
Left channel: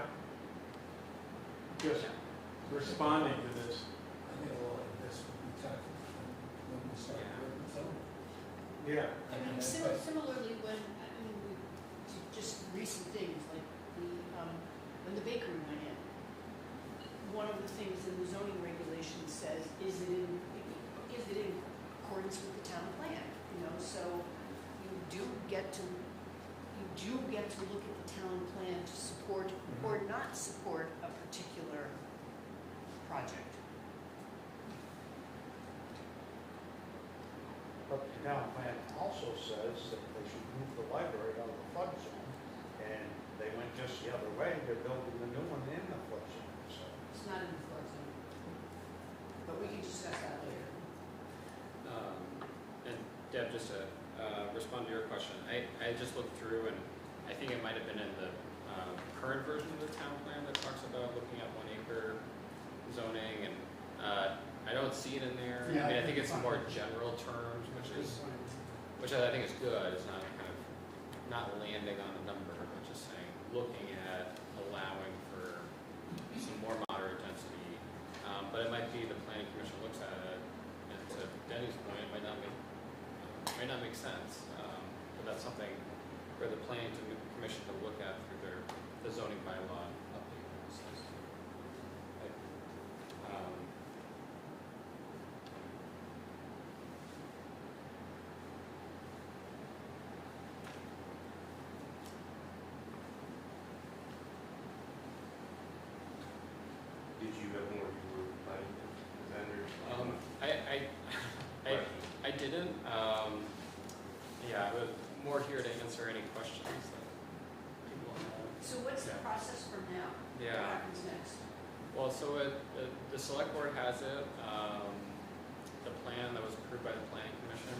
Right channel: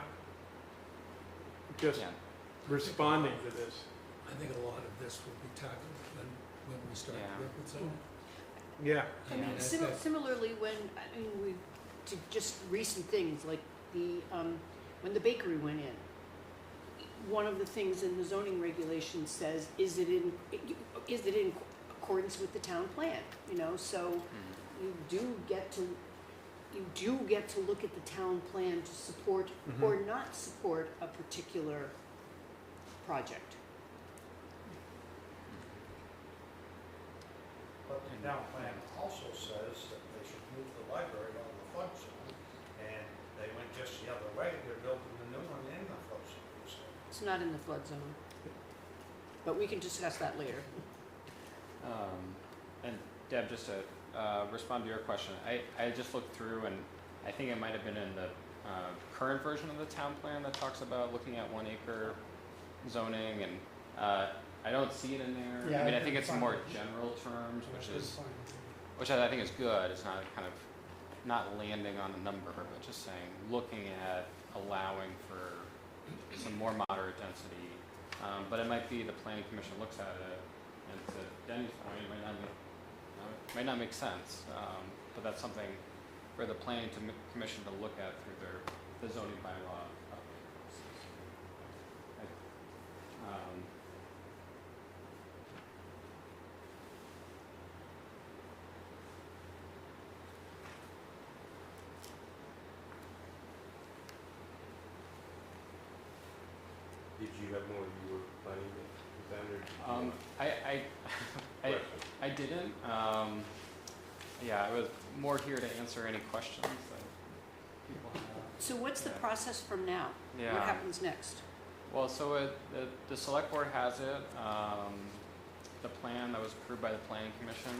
just responding to this. I think a lot of this will be tackled when we start Yeah. to work with some. Yeah. I mean, Similarly, when, I mean, we, to just recent things, like when the bakery went in, one of the things in the zoning regulation says, is it in accordance with the town plan, you know, so you do get to look at the town plan to support or not support a particular project. But the town plan also says that they should move the library out of the flood zone, and they went just the other way, they're building the new one in the flood zone, so. It's not in the flood zone, but we can discuss that later. And Deb, just to respond to your question, I just looked through and I think it might have been in the current version of the town plan that talks about looking at 1-acre zoning, and I don't see it in there. Yeah, I mean, I I think can it's in find more it. general terms, which I think is good. It's not kind of not landing on a number, but just saying, looking at allowing for some more moderate density. But it might be the planning commission looks at it, and to Danny's point, it might not make sense. But that's something for the planning commission to look at through the zoning bylaw process. Did you have more you were planning to present or? I didn't. Yeah, I was more here to answer any questions that people have. So what's the process from now? Yeah. What happens next? Well, so the select board has it, the plan that was approved by the planning commission,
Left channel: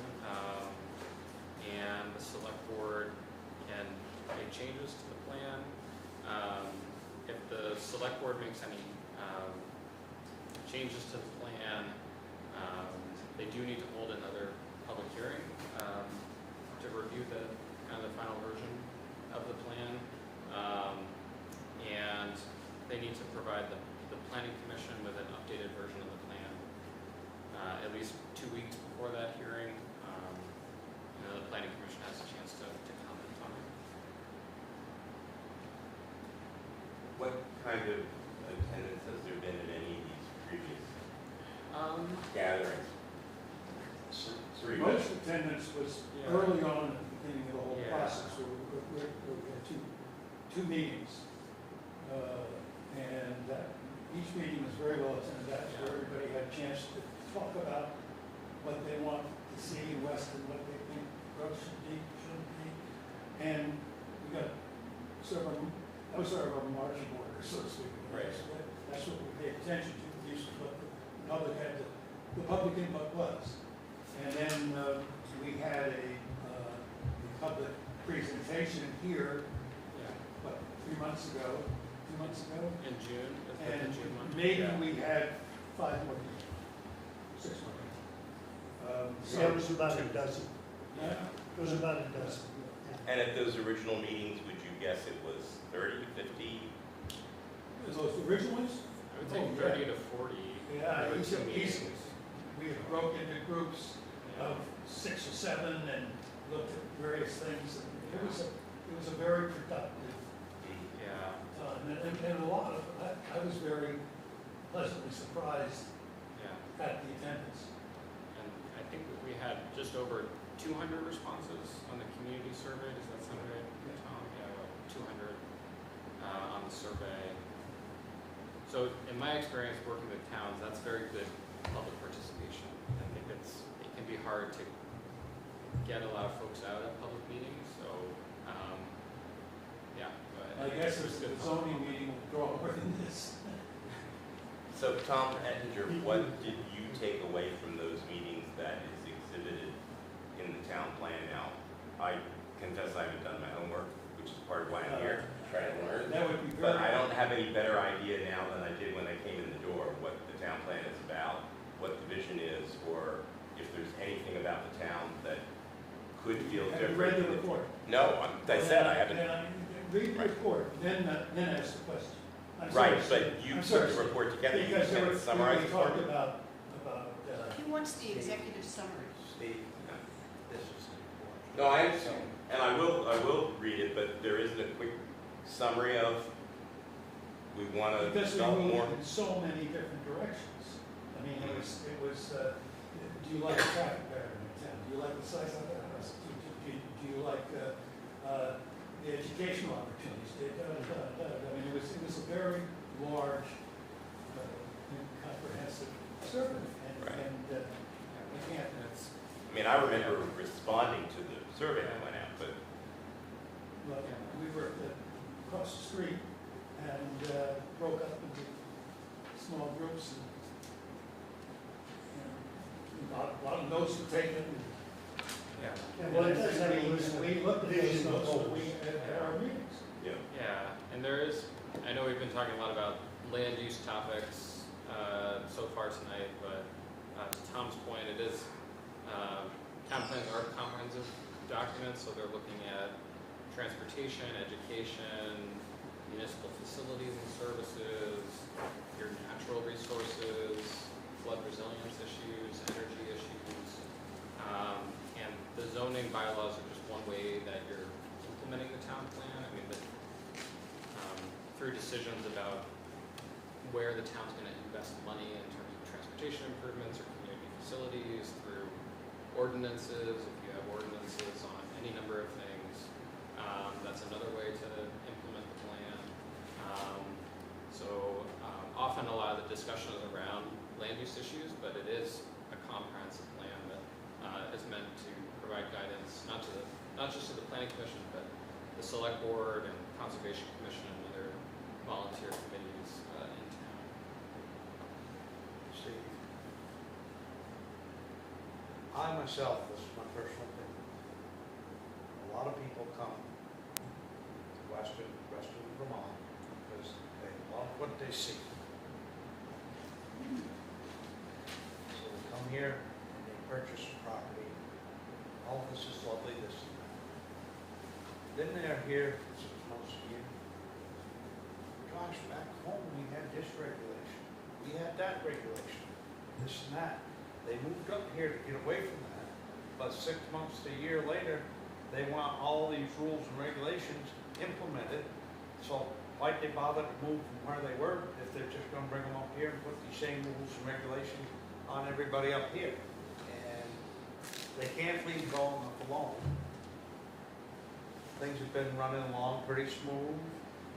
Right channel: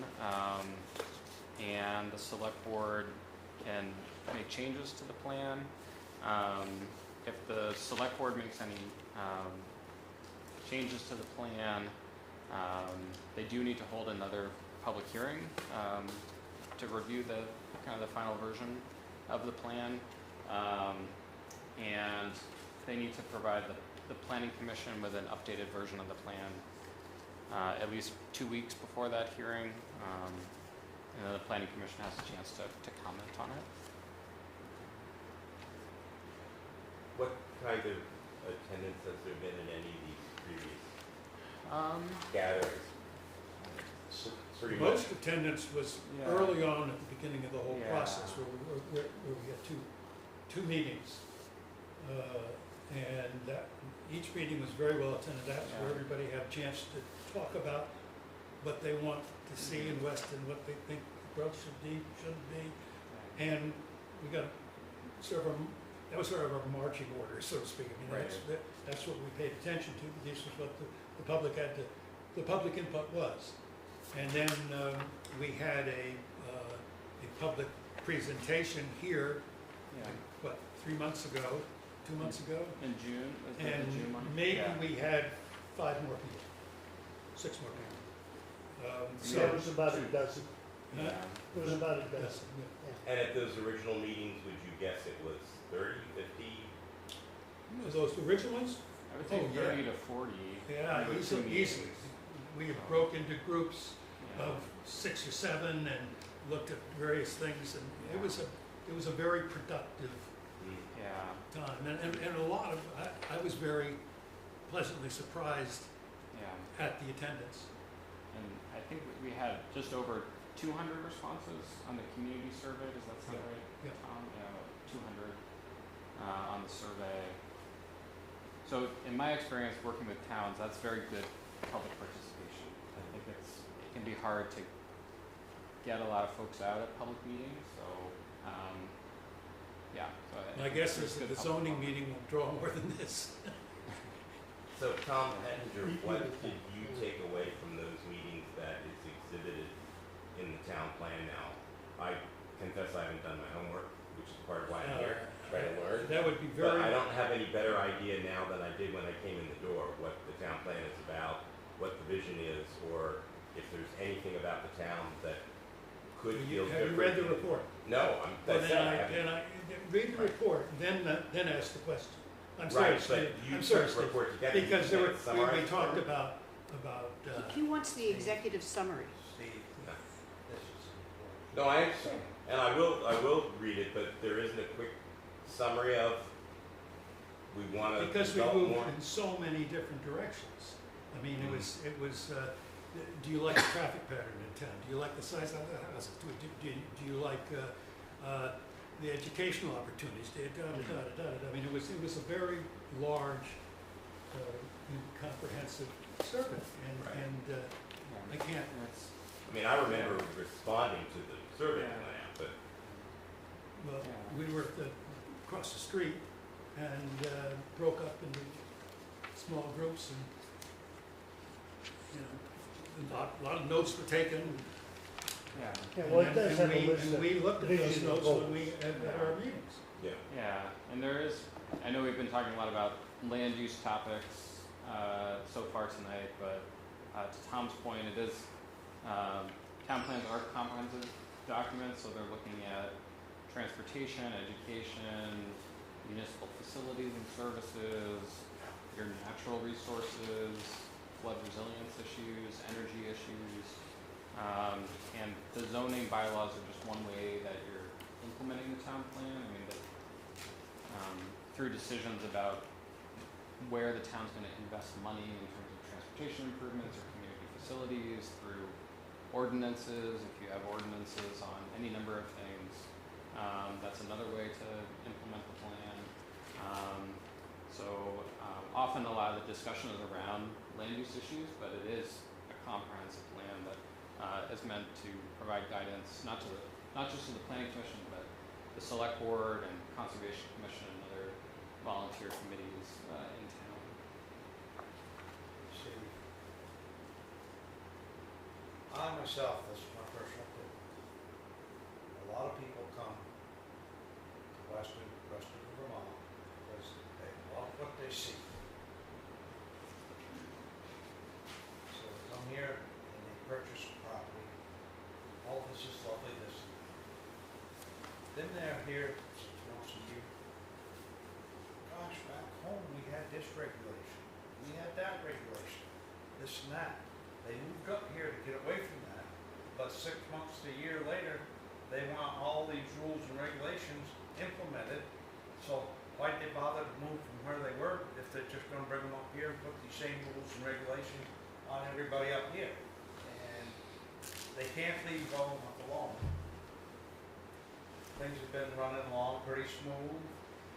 and the select board can make changes to the plan. If the select board makes any changes to the plan, they do need to hold another public hearing to review the kind of the final version of the plan, and they need to provide the planning commission with an updated version of the plan at least 2 weeks before that hearing, and then the planning commission has a chance to comment on it. What kind of attendance has there been at any of these previous gatherings? Pretty much. Most attendance was Yeah. early on at the beginning of the whole Yeah. process, where we had two meetings. And each meeting was very well attended. That's where everybody had a chance to talk about what they want to see in Weston, what they think the growth should be, shouldn't be. And we got that was sort of our marching order, so to speak. You know, Right. that's what we paid attention to. This was what the public had the public input was. And then we had a public presentation here, Yeah. what, 3 months ago, 2 months ago? In June, is that And the June one? maybe Yeah. we had 5 more people, 6 more people. So it was about a dozen. Yeah. It was about a dozen. And at those original meetings, would you guess it was 30, 50? Those original ones? I would think Oh, yeah. 30 to 40. Yeah, it With was two easy. meetings. We had broke into groups Yeah. of 6 or 7 and looked at various things, and it was a very productive Yeah, time. And a lot of, I was very pleasantly surprised yeah. at the attendance. And I think we had just over 200 responses on the community survey. Does that sound right? Yeah. Yeah, 200 on the survey. So in my experience working with towns, that's very good public participation. I think it can be hard to get a lot of folks out at public meetings, so, yeah. So I guess it's the good zoning public- meeting will draw more than this. So Tom Ettinger, what did you take away from those meetings that is exhibited in the town plan now? I confess I haven't done my homework, which is part of why I'm here, trying to learn. That would be very. But I don't have any better idea now than I did when I came in the door, what the town plan is about, what the vision is, or if there's anything about the town that could feel Have you different. read the report? No, I said I haven't. Read the report, then ask the question. I'm Right, sorry, but you I'm sorry, put the report together. Because you there can't were, summarize we it. talked about, He wants the executive summary. Steve, this is important. No, I understand, and I will read it, but there isn't a quick summary of, we want to because we develop moved more. in so many different directions. I mean, it was, do you like the traffic pattern in town? Do you like the size of the house? Do you like, the educational opportunities? I mean, it was a very large, and comprehensive survey, Right. and I can't, That's, I mean, I remember responding to the survey that went out, but well, we were across the street and broke up into small groups and, you know, a lot of notes were taken. yeah. And we looked at those notes when at our meetings. yeah. Yeah, and there is, I know we've been talking a lot about land use topics so far tonight, but to Tom's point, it is, town plans are comprehensive documents, so they're looking at transportation, education, municipal facilities and services, your natural resources, flood resilience issues, energy issues, and the zoning bylaws are just one way that you're implementing the town plan. I mean, through decisions about where the town's going to invest money in terms of transportation improvements or community facilities, through ordinances, if you have ordinances on any number of things, that's another way to implement the plan. Often a lot of the discussion is around land use issues, but it is a comprehensive plan that is meant to provide guidance, not just to the planning commission, but the select board and conservation commission and other volunteer committees in town. See, I myself, this is my personal opinion. A lot of people come to Weston, Vermont, because they love what they see. So they come here and they purchase the property. Oh, this is lovely, this and that. Then they're here 6 months a year. Gosh, back home we had this regulation, we had that regulation, this and that. They moved up here to get away from that, but 6 months to a year later, they want all these rules and regulations implemented. So why'd they bother to move from where they were if they're just gonna bring them up here and put these same rules and regulations on everybody up here? And they can't leave all of them alone. Things have been running along pretty smooth,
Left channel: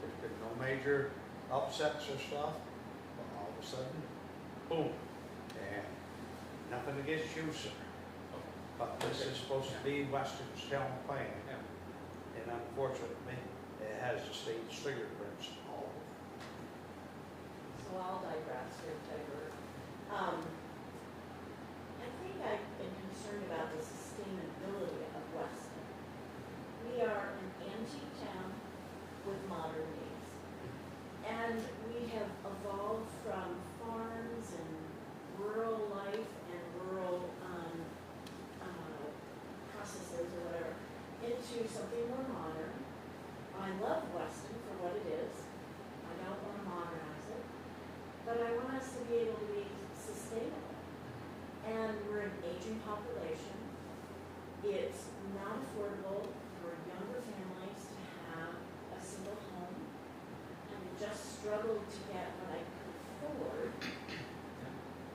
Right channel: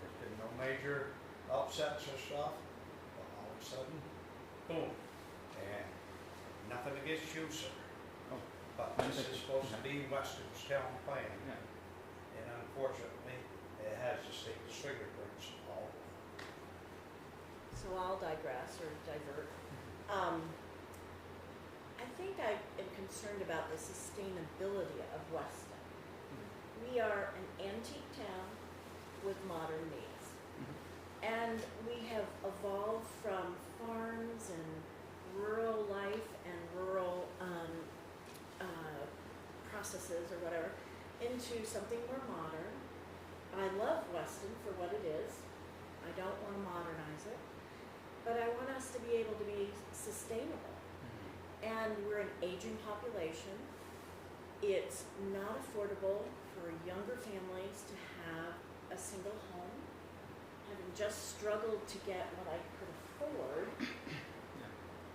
there's been no major upsets or stuff, and all of a sudden, boom, and nothing against you, sir. But this is supposed to be Weston's town plan, Yeah. and unfortunately, it has the state's fingerprints all over. So I'll digress or divert. I think I am concerned about the sustainability of Weston. We are an antique town with modern needs. And we have evolved from farms and rural life and rural processes or whatever into something more modern. I love Weston for what it is. I don't want to modernize it. But I want us to be able to be sustainable. And we're an aging population. It's not affordable for younger families to have a single home. Having just struggled to get what I could afford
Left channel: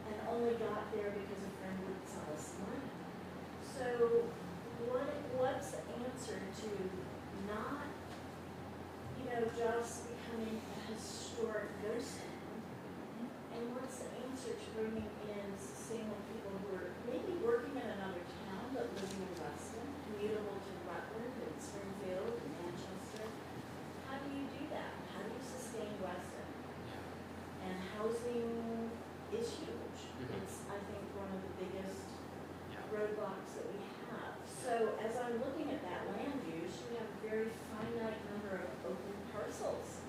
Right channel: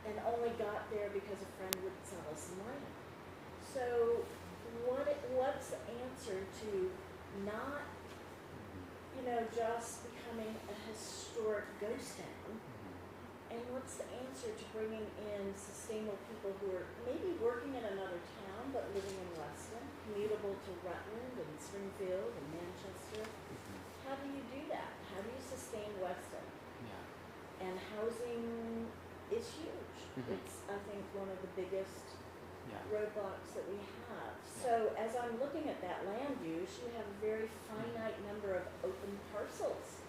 and only got there because a friend would sell us some land. So what's the answer to not, just becoming a historic ghost town, And what's the answer to bringing in sustainable people who are maybe working in another town but living in Weston, commutable to Rutland and Springfield and Manchester? How do you do that? How do you sustain Weston? Yeah. And housing is huge. Mhm. It's, I think, one of the biggest Yeah. roadblocks that we have. So as I'm looking at that land use, you have a very finite number of open parcels.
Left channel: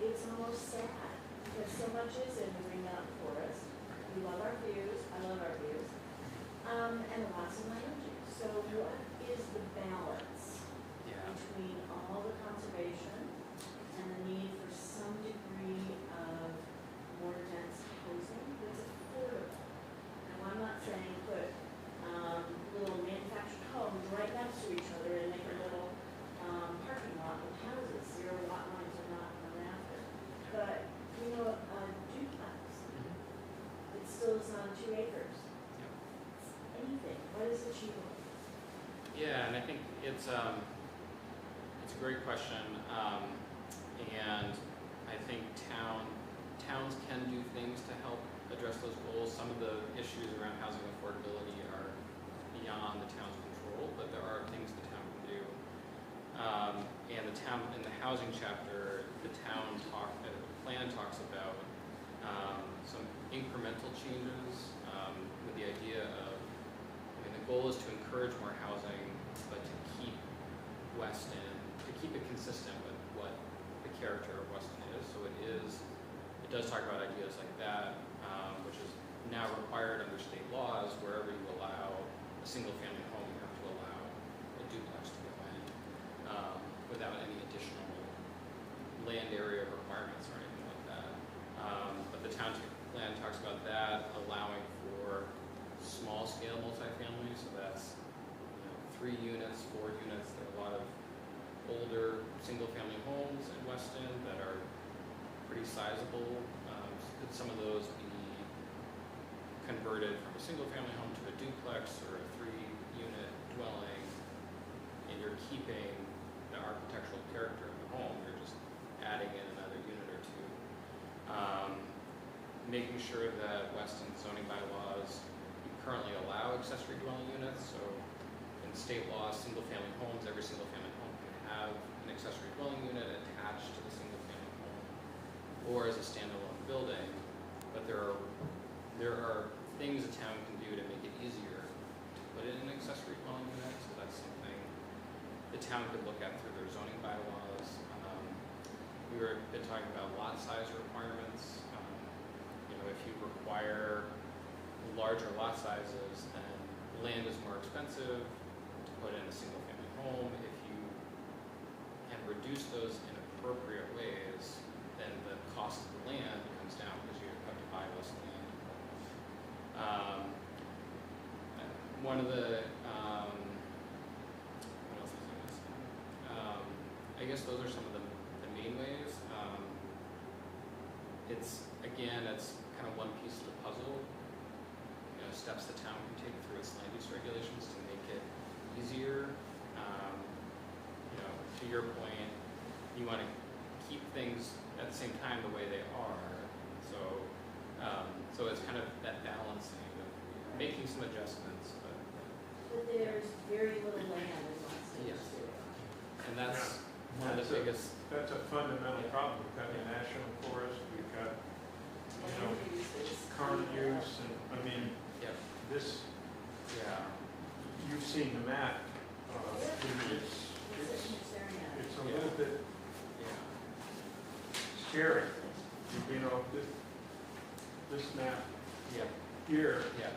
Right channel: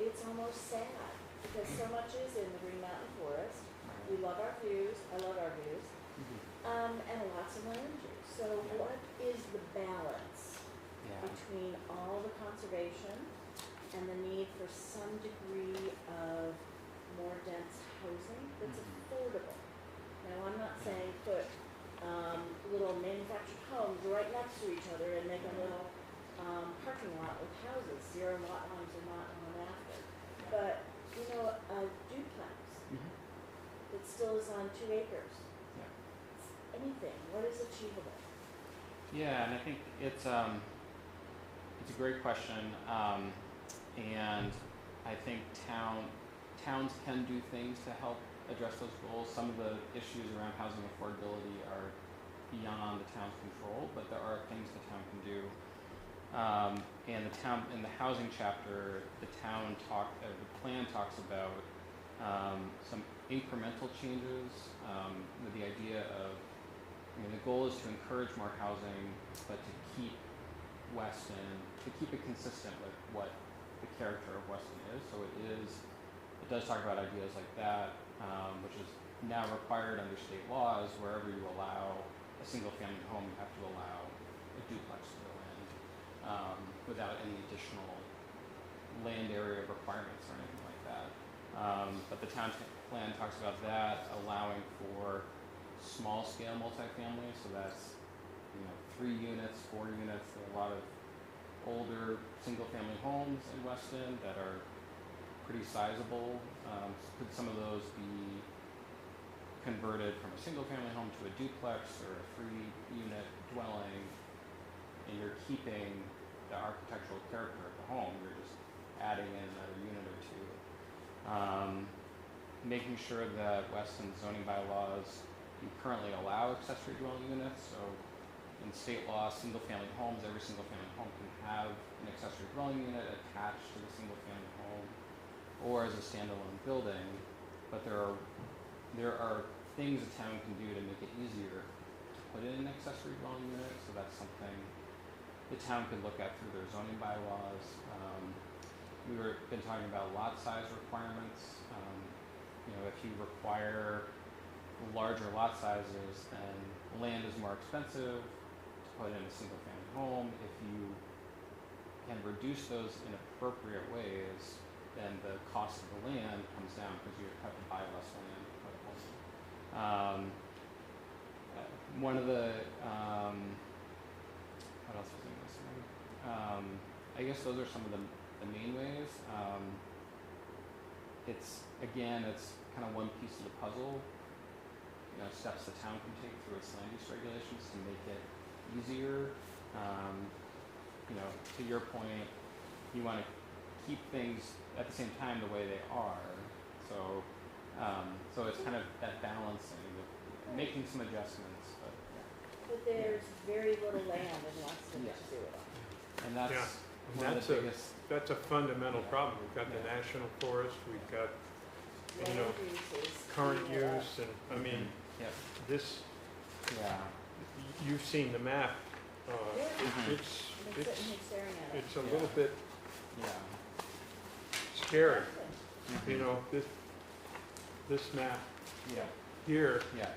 It's almost sad because so much is in the Green Mountain Forest. We love our views, I love our views, and lots of land use. So what is the balance Yeah. between all the conservation and the need for some degree of more dense housing that's affordable? Now, I'm not saying put little manufactured homes right next to each other and make a little parking lot with houses. Zero lot lines are not going after. But, you know, a duplex Mhm. that still is on 2 acres. Yeah. Anything, what is achievable? Yeah, and I think it's a great question, and I think towns can do things to help address those goals. Some of the issues around housing affordability are beyond the town's control, but there are things the town can do. And the town, in the housing chapter, the plan talks about some incremental changes with the idea of, the goal is to encourage more housing, but to keep it consistent with what the character of Weston is. So it does talk about ideas like that, which is now required under state laws. Wherever you allow a single-family home, you have to allow a duplex to go in without any additional land area requirements or anything like that. But the town plan talks about that, allowing for small-scale multifamily, so that's 3 units, 4 units. There are a lot of older single-family homes in Weston that are pretty sizable. Could some of those be converted from a single-family home to a duplex or a 3-unit dwelling, and you're keeping the architectural character of the home, you're just adding in another unit or 2. Making sure that Weston zoning bylaws currently allow accessory dwelling units, so in state law, single-family homes, every single-family home can have an accessory dwelling unit attached to the single-family home or as a standalone building, but there are things a town can do to make it easier to put in an accessory dwelling unit, so that's something the town could look at through their zoning bylaws. We've been talking about lot size requirements. If you require larger lot sizes, then land is more expensive to put in a single-family home. If you can reduce those in appropriate ways, then the cost of the land comes down because you have to buy less land to put a home. One of the what else was I going to say? I guess those are some of the main ways. It's kind of one piece of the puzzle. Steps the town can take through its land use regulations to make it easier. To your point, you want to keep things at the same time the way they are. So it's kind of that balancing, making some adjustments. But there's very little land in Weston to Yes. do it. And that's Yeah. one of the biggest. That's a fundamental problem. We've got the national forest, we've got Land use is. current use, and Yeah. this, Yeah. you've seen the map. It's It's sitting here staring at it. it's a little bit Yeah. scary. This map Yeah. here, Yeah.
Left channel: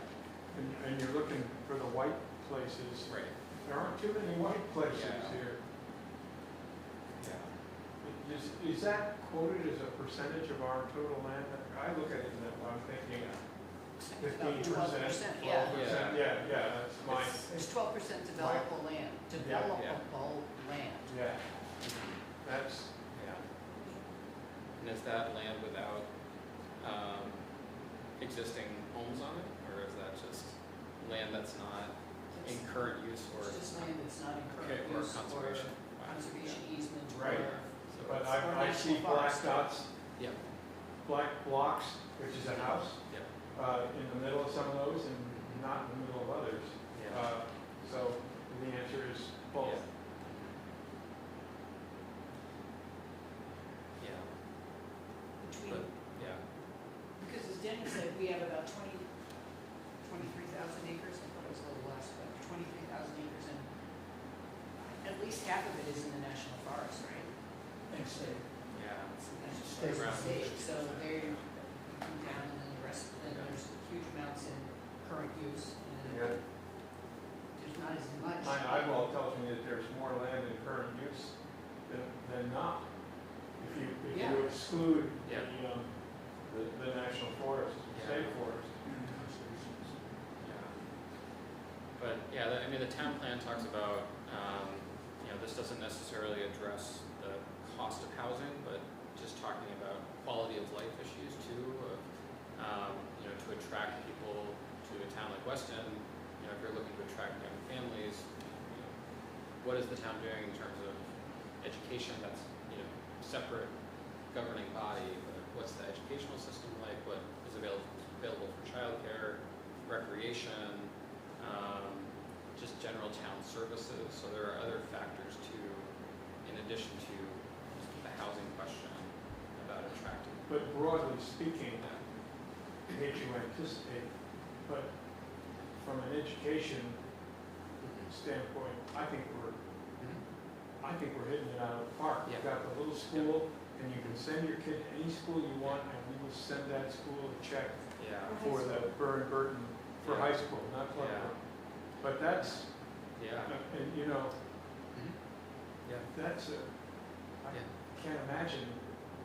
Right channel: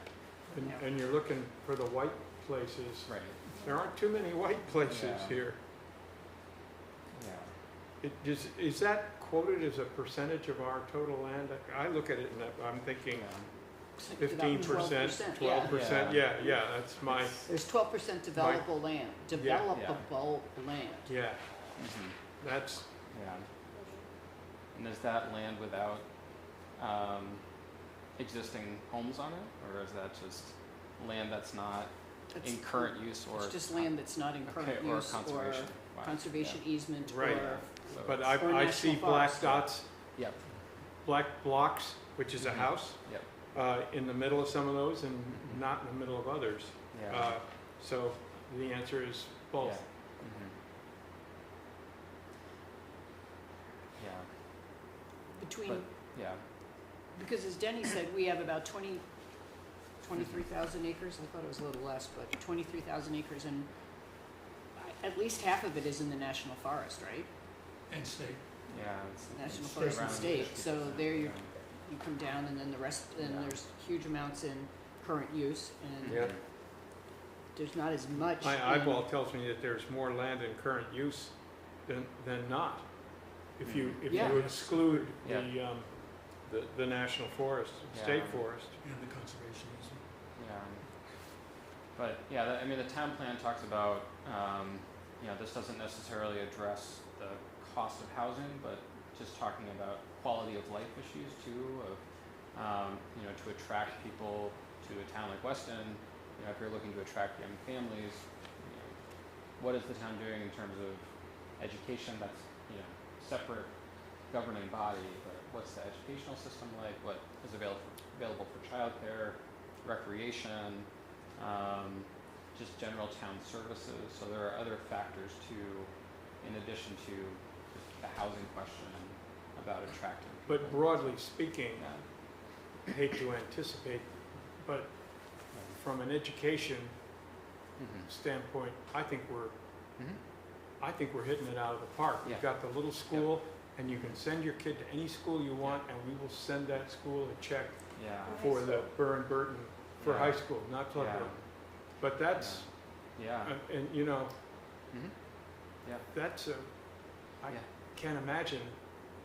and you're looking for the white places. Right. There aren't too many white places Yeah. here. Yeah. Is that quoted as a percentage of our total land? I look at it and I'm thinking Yeah. 15%, 12%. Yeah, that's my, There's 12% developable land, developable land. yeah, Mhm. that's, Yeah. And is that land without existing homes on it, or is that just land that's not in That's- current use or? It's just land that's not in current Okay, or use or conservation. Wow. conservation easement Right. or but Or I see national black forest. dots, Yeah. black blocks which is a house, Yep. in the middle of some of those and not in the middle of others. Yeah. So the answer is both. Yeah. Yeah. Between, But, yeah. because as Denny said, we have about 23,000 acres, I thought it was a little less, but 23,000 acres, and at least half of it is in the national forest, right? And state. Yeah. National State. forest and state, so there you come down, and then the rest, then there's huge amounts in current use, and Yeah. there's not as much. My in- eyeball tells me that there's more land in current use than not. If you Yeah. exclude Yeah. the national forest, Yeah. state forest. And the conservation easement. Yeah. But, yeah, I mean, the town plan talks about, this doesn't necessarily address the cost of housing, but just talking about quality of life issues too, of, to attract people to a town like Weston, if you're looking to attract young families, what is the town doing in terms of education that's, separate governing body, but what's the educational system like, what is available for childcare, recreation, just general town services. So there are other factors too, in addition to just the housing question about attracting. But broadly speaking, I hate to anticipate, but from an education standpoint, I think we're hitting it out of the park. We've Yeah. got the little school, and you can send your kid to any school you want, and we will send that school a check Yeah. for the Burton for Yeah. high school, not Plum Yeah. Road. But that's, Yeah. and Yeah. that's I Yeah. can't imagine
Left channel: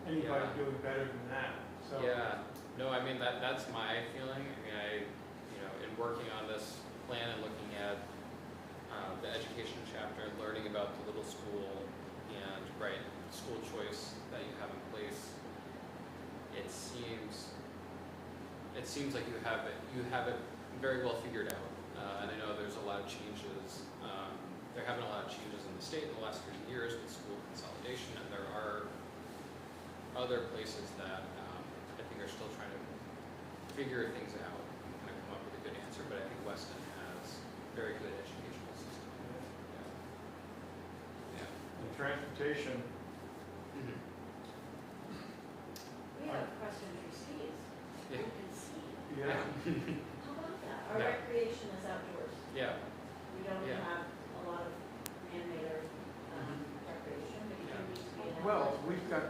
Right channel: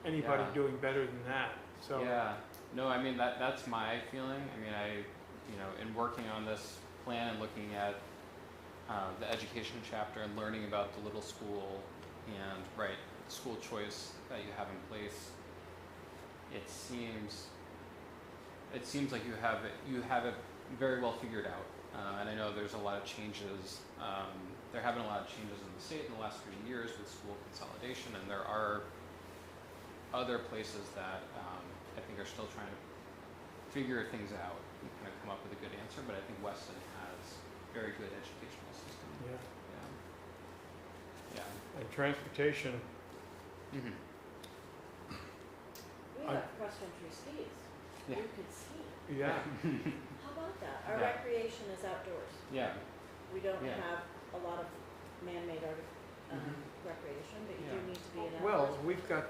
anybody Yeah. doing better than that, so. Yeah, no, I mean, that's my feeling. I mean, in working on this plan and looking at the education chapter and learning about the little school and, right, school choice that you have in place, it seems like you have it very well figured out. And I know there's a lot of changes, there have been a lot of changes in the state in the last 3 years with school consolidation, and there are other places that I think are still trying to figure things out and kind of come up with a good answer, but I think Weston has very good educational system. Yeah. And transportation, Mm-hmm. We have cross-country skis. Yeah. You can ski. yeah, How about that? Our Yeah. recreation is outdoors. Yeah. We don't Yeah. have a lot of man-made recreation, but you do need to be in outdoors. well, we've got,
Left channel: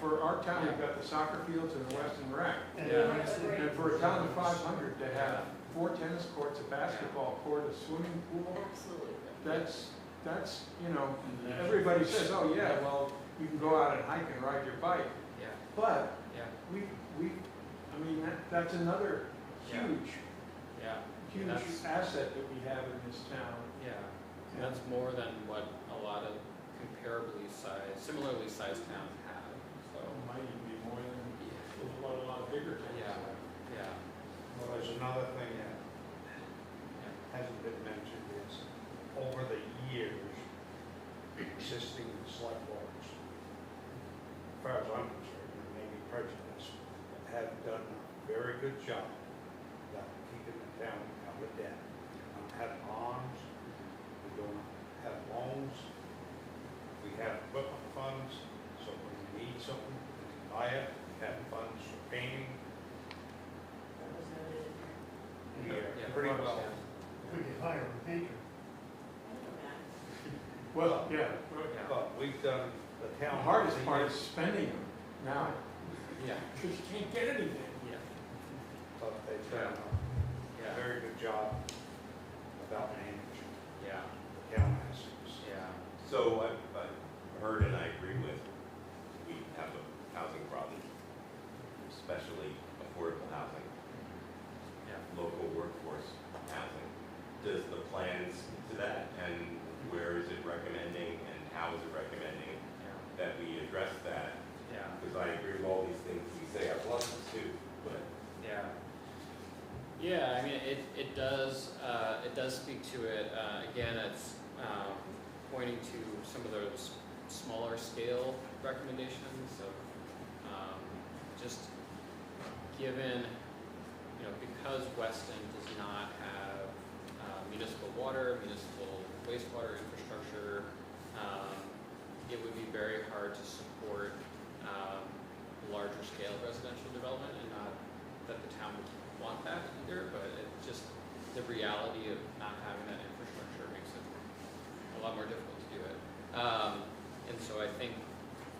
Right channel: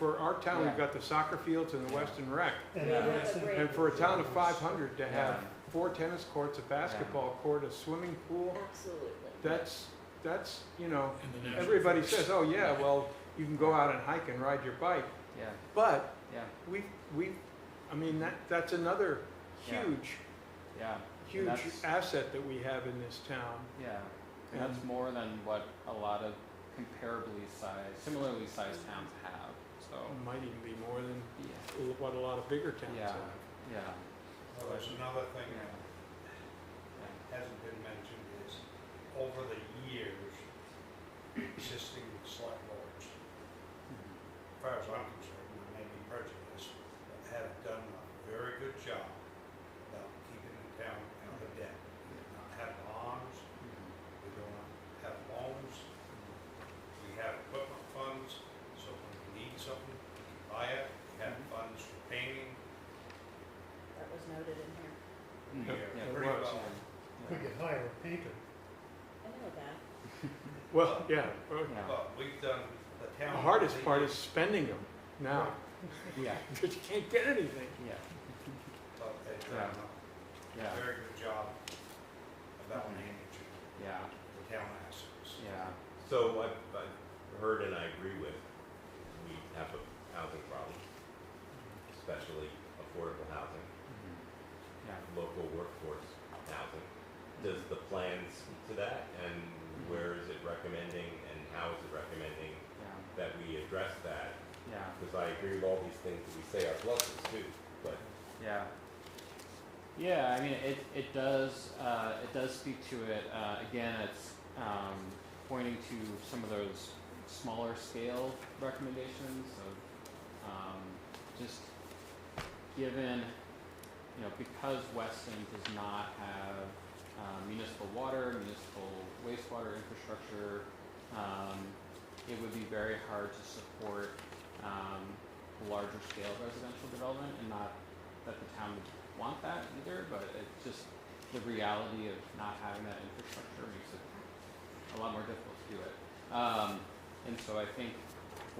for our town, we've got the soccer fields and the Weston Rec. And We Yeah. have a great- And for a town of 500 to have 4 tennis courts, a basketball court, a swimming pool, Absolutely. that's, And the natural everybody forest. says, oh yeah, well, you can go out and hike and ride your bike. Yeah. But Yeah. I mean, that's another Yeah. huge That's- asset that we have in this town. Yeah. And that's more than what a lot of similarly sized towns have. So. It might even be more than Yeah. what a lot of bigger towns Yeah. have. Yeah. Well, there's another thing Yeah. that hasn't been mentioned is over the years, existing select boards, as far as I'm concerned, and maybe prejudiced, have done a very good job about keeping the town out of debt. Not having bonds, we don't have loans, we have equipment funds, so when you need something, you can buy it, we have funds for painting, That was noted in here. we Yeah, are yeah, pretty it was, well. we could hire a painter. I know that. Well, yeah, Yeah. But we've done the the town. hardest part is spending them now, Yeah. because you can't get anything. Yeah. But they've done Yeah. a very good job about managing Yeah. the town assets. Yeah. So I've heard and I agree with, we have a housing problem, especially affordable housing, Yeah. local workforce housing. Does the plan speak to that, and where is it recommending, and how is it recommending Yeah. that we address that? Yeah. Because I agree with all these things we say are pluses too, but Yeah. Yeah, I mean, it does speak to it. Again, it's pointing to some of those smaller scale recommendations of just given, because Weston does not have municipal water, municipal wastewater infrastructure, it would be very hard to support larger scale residential development, and not that the town would want that either, but it just, the reality of not having that infrastructure makes it a lot more difficult to do it. And so I think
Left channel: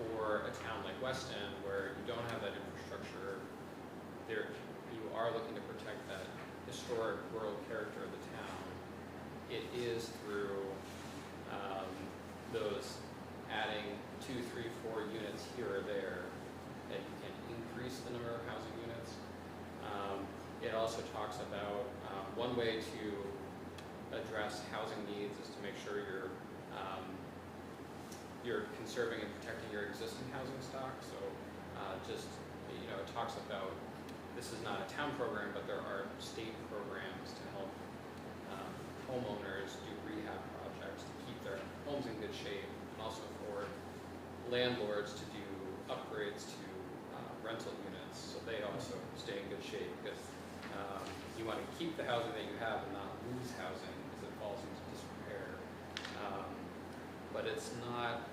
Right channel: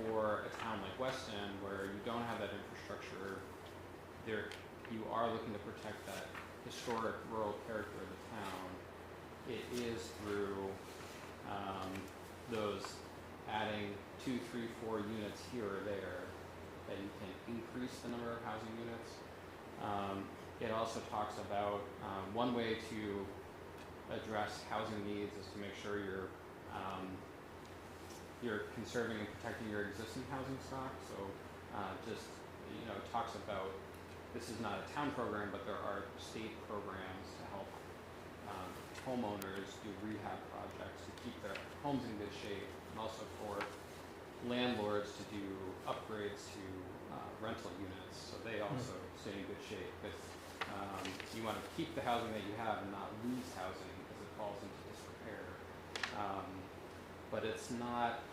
for a town like Weston, where you don't have that infrastructure, you are looking to protect that historic rural character of the town. It is through those adding 2, 3, 4 units here or there, and increase the number of housing units. It also talks about one way to address housing needs is to make sure you're conserving and protecting your existing housing stock. So it talks about, this is not a town program, but there are state programs to help homeowners do rehab projects to keep their homes in good shape, and also for landlords to do upgrades to rental units, so they also stay in good shape. With you want to keep the housing that you have and not lose housing because it falls into disrepair. But it's not.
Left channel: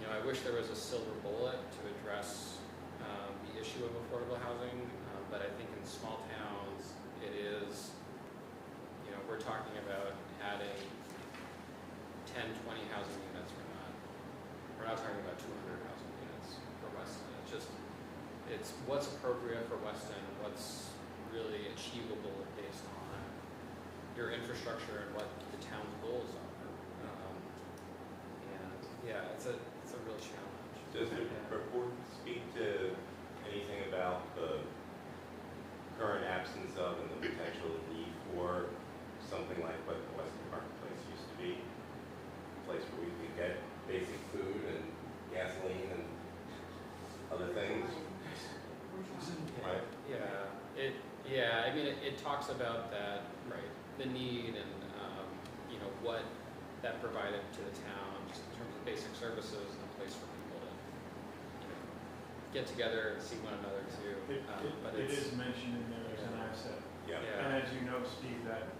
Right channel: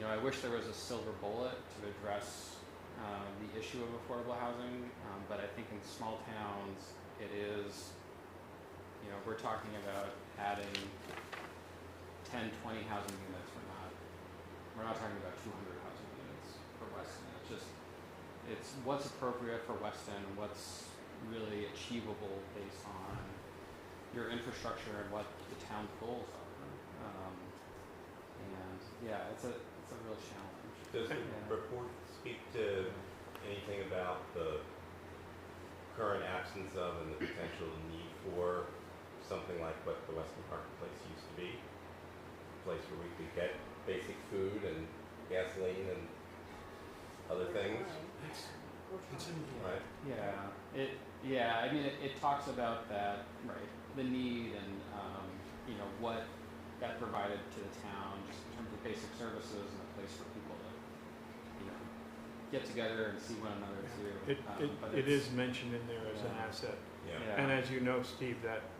I wish there was a silver bullet to address the issue of affordable housing, but I think in small towns it is. We're talking about adding 10, 20 housing units. We're not talking about 200 housing units for Weston. It's what's appropriate for Weston, what's really achievable based on your infrastructure and what the town's goals are. It's a real challenge. Does the report speak to anything about the current absence of and the potential need for something like what the Weston Marketplace used to be? A place where we could get basic food and gasoline and other things? Right. It talks about that, right? The need and what that provided to the town, just in terms of basic services and a place for people to get together and see one another too. It is mentioned in there as an asset, Yeah. and as you know, Steve, that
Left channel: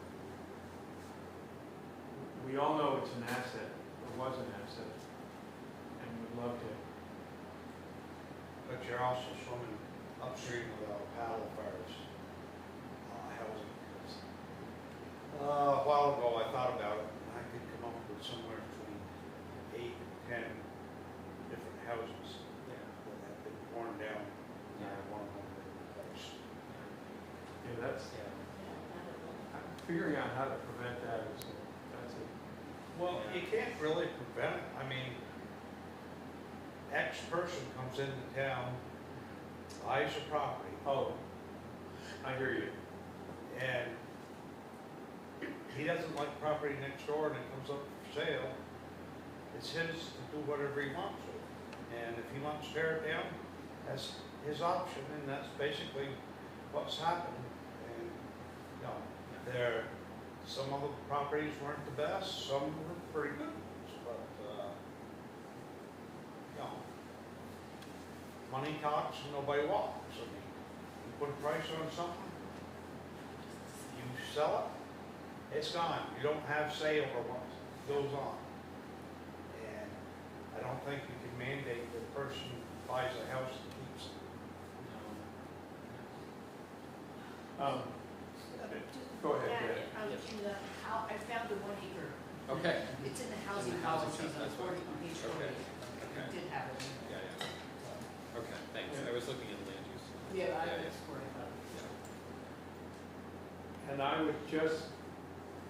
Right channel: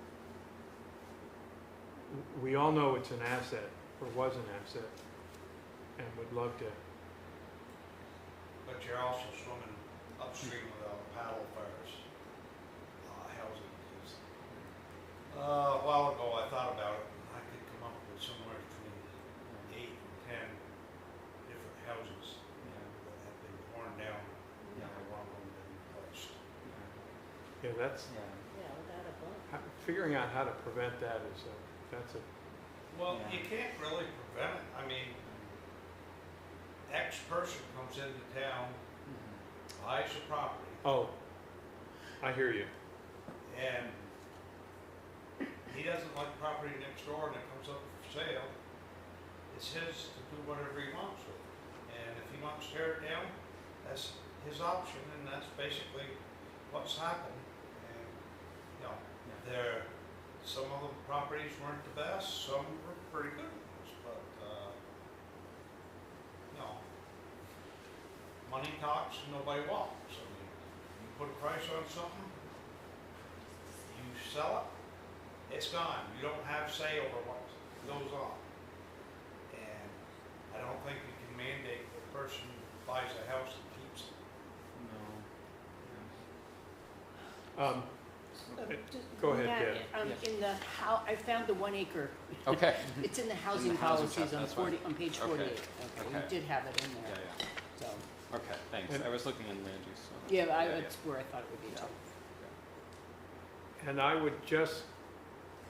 we all know it's an asset, or was an asset, and would love to. But you're also swimming upstream without a paddle as far as housing. A while ago, I thought about it, and I could come up with somewhere between 8 and 10 different houses that have been torn down, and one of them been replaced. That's figuring out how to prevent that is that's a. Well, you can't really prevent it. I mean, X person comes into town, buys a property, Oh, I hear you. and he doesn't like property next door and it comes up for sale. It's his to do whatever he wants with it. And if he wants to tear it down, that's his option, and that's basically what's happened. And, some of the properties weren't the best, some were pretty good ones, but, money talks and nobody walks. I mean, you put a price on something, you sell it, it's gone. You don't have say over what goes on. And I don't think you can mandate the person who buys a house and keeps it. Go ahead, In the I found the 1 acre. Okay. It's in the In housing the housing policies stuff, on that's fine. on page 48. Okay. We did have it in there. So, Okay, thanks. I was looking in land use. that's where I thought it would be. And I would just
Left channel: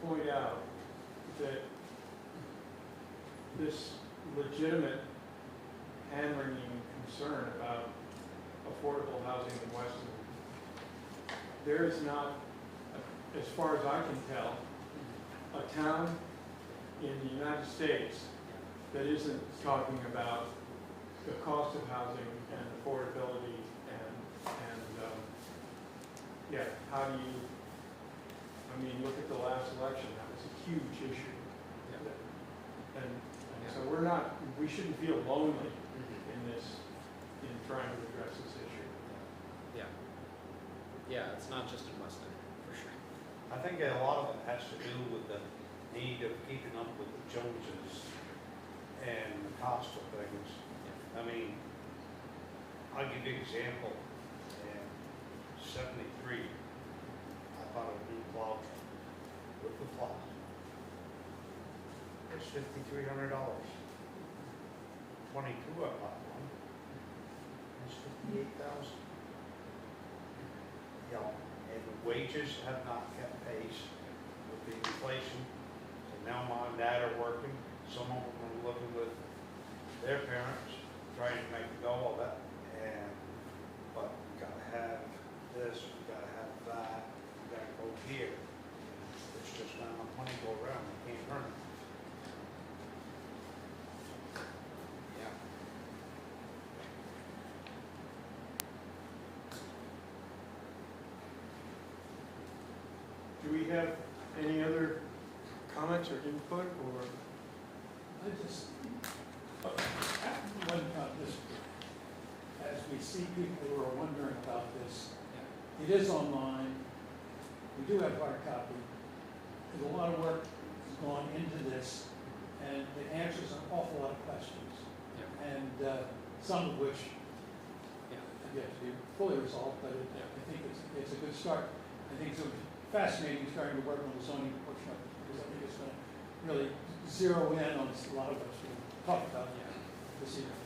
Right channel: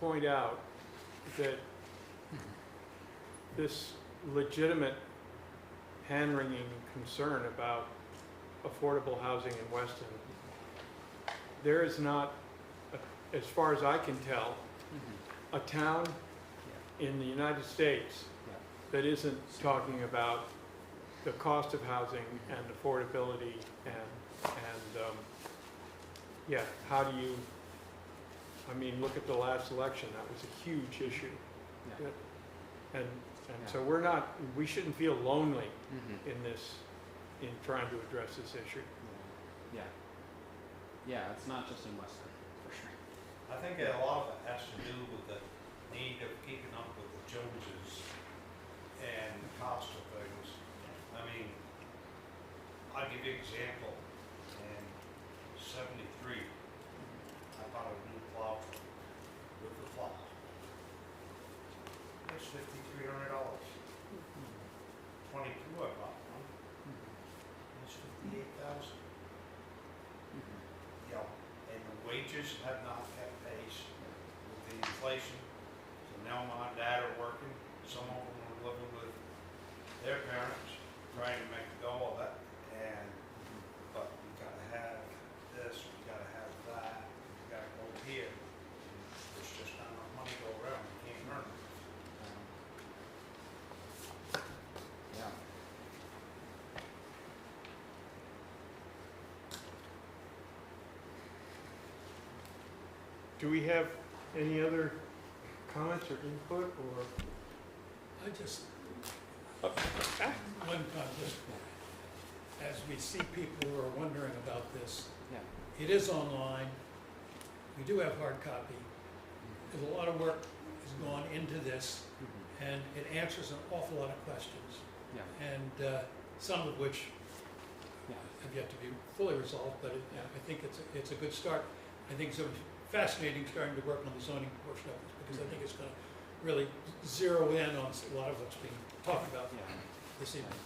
point out that this legitimate hand-wringing concern about affordable housing in Weston, there is not, as far as I can tell, a town in the United States that isn't talking about the cost of housing and affordability and how do you, look at the last election, that was a huge issue. And so we shouldn't feel lonely in trying to address this issue. Yeah. Yeah, it's not just in Weston, for sure. I think a lot of it has to do with the need of keeping up with the Joneses and the cost of things. I mean, I'll give you an example. In '73, I bought a new plow truck with the plow. It's $5,300. 22, I bought one. It's 58,000. You know, and the wages have not kept pace with the inflation. So now mom and dad are working, some of them are living with their parents, trying to make a go of it. And, but you gotta have this, you gotta have that, you gotta go here. And there's just not enough money to go around, you can't earn it. Yeah. Do we have any other comments or input, or? I just, one, just, as we see people who are wondering about this, Yeah. it is online. We do have hard copy. There's a lot of work has gone into this, and it answers an awful lot of questions. Yeah. And some of which Yeah. have yet to be fully resolved, but I think it's a good start. I think it's fascinating starting to work on the zoning portion of it, because I think it's going to really zero in on a lot of what's being talked about this evening.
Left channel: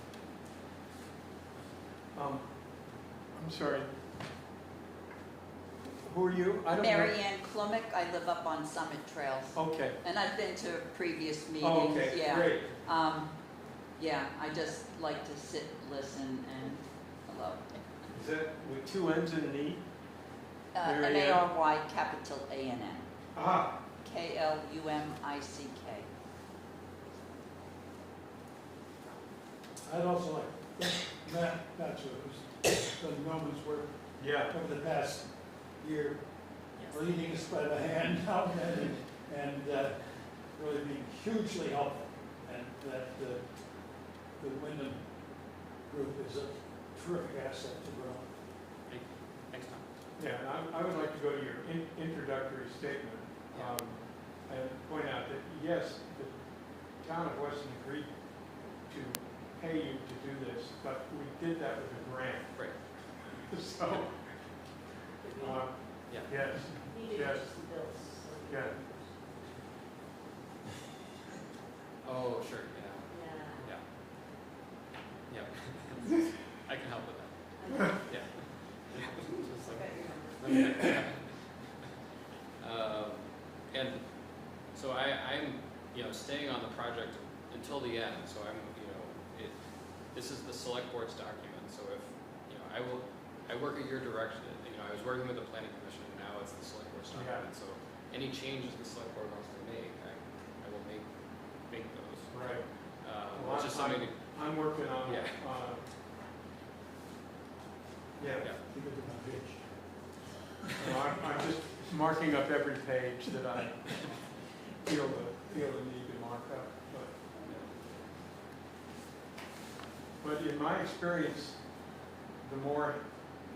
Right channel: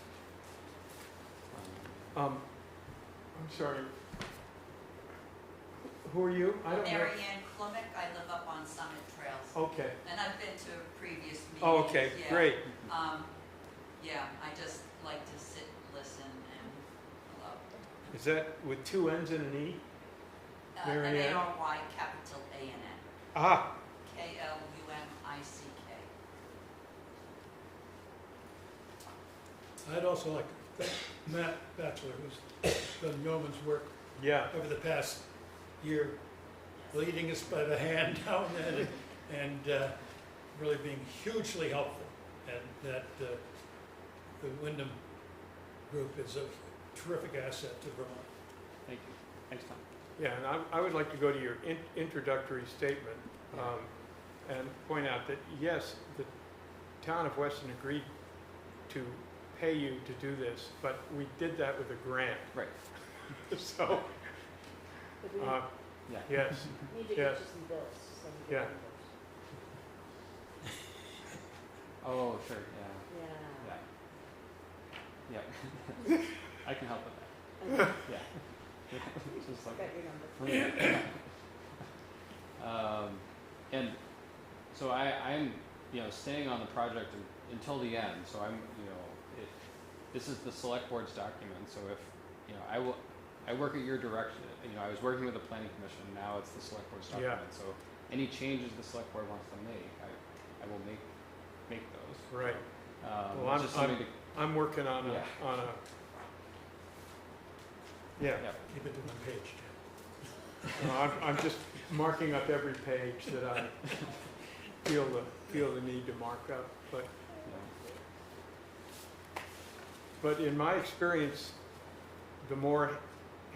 I'm sorry. Who are you? I don't know. Mary Ann Klumek, I live up on Summit Trails, Okay. and I've been to previous meetings. Oh, okay, Yeah. great. Yeah, I just like to sit, listen, and hello. Is that with two N's and an E? Mary Ann. M-A-R-Y, capital A-N-N, Ah, K-L-U-M-I-C-K. I'd also like to thank Matt Batchelor, who's done yeoman's work yeah. over the past year, leading us by the hand now and then, and really being hugely helpful. And that the Wyndham Group is a terrific asset to Vermont. Thank you. Thanks, Tom. Yeah, and I would like to go to your introductory statement and point out that, yes, the town of Weston agreed to pay you to do this, but we did that with a grant. Right. So, Yeah. yes, He did yes. just some bills, so. yeah. Oh, sure, Yeah. yeah. Yeah. I can help with that. Yeah. It's just like, Got your number. And so I'm, staying on the project until the end, so I'm, this is the select board's document, so if, I work at your direction, I was working with the planning commission, now it's the select board's Yeah. document, so any changes the select board wants to make, I will make those. Right. Well, just something to, I'm working on Yeah. Yeah. Keep it to one page. I'm just marking up every page that I feel the need to mark up, but in my experience, the more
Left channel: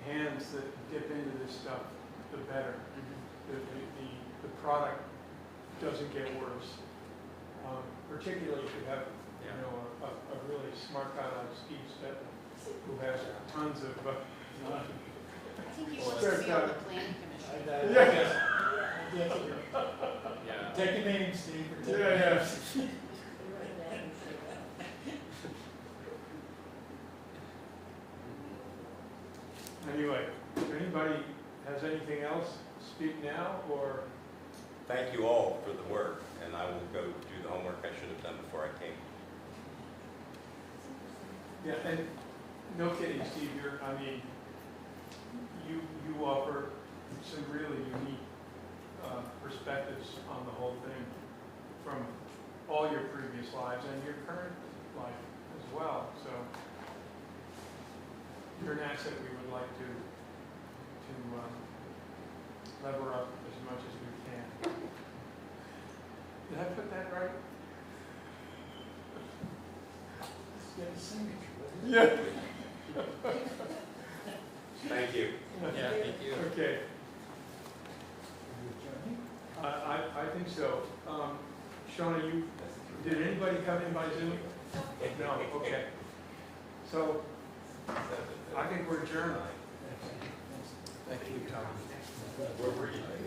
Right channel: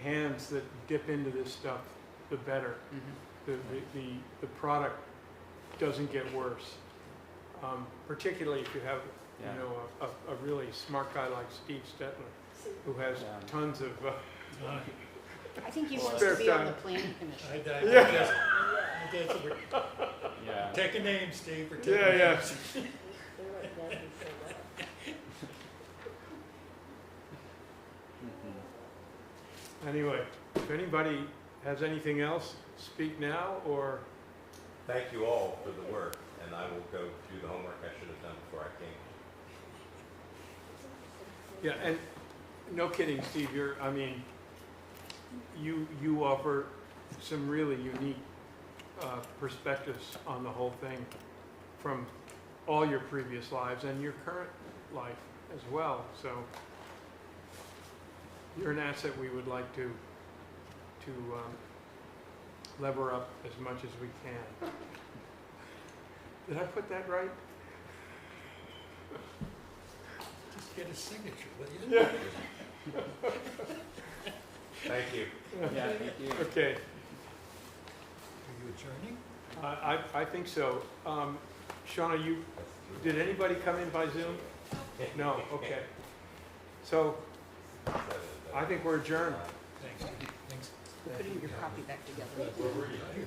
hands that dip into this stuff, the better. The product doesn't get worse. Particularly if you have, a really smart guy like Steve Stetler, who has tons of, I think he wants to be on the planning commission. Yeah. yeah. Take a name, Steve, or take Yeah, a yeah. name. We write that and say that. Anyway, if anybody has anything else, speak now, or, Thank you all for the work, and I will go do the homework I should have done before I came. yeah, and no kidding, Steve, you offer some really unique perspectives on the whole thing from all your previous lives and your current life as well, so you're an asset we would like to lever up as much as we can. Did I put that right? Just get a signature, will you? Yeah. Thank you. Yeah, thank you. Okay, Adjourning? I think so. Shauna, did anybody come in by Zoom? No, okay. So, I think we're adjourned. Thanks. Thanks. Putting your copy back together. Where were you?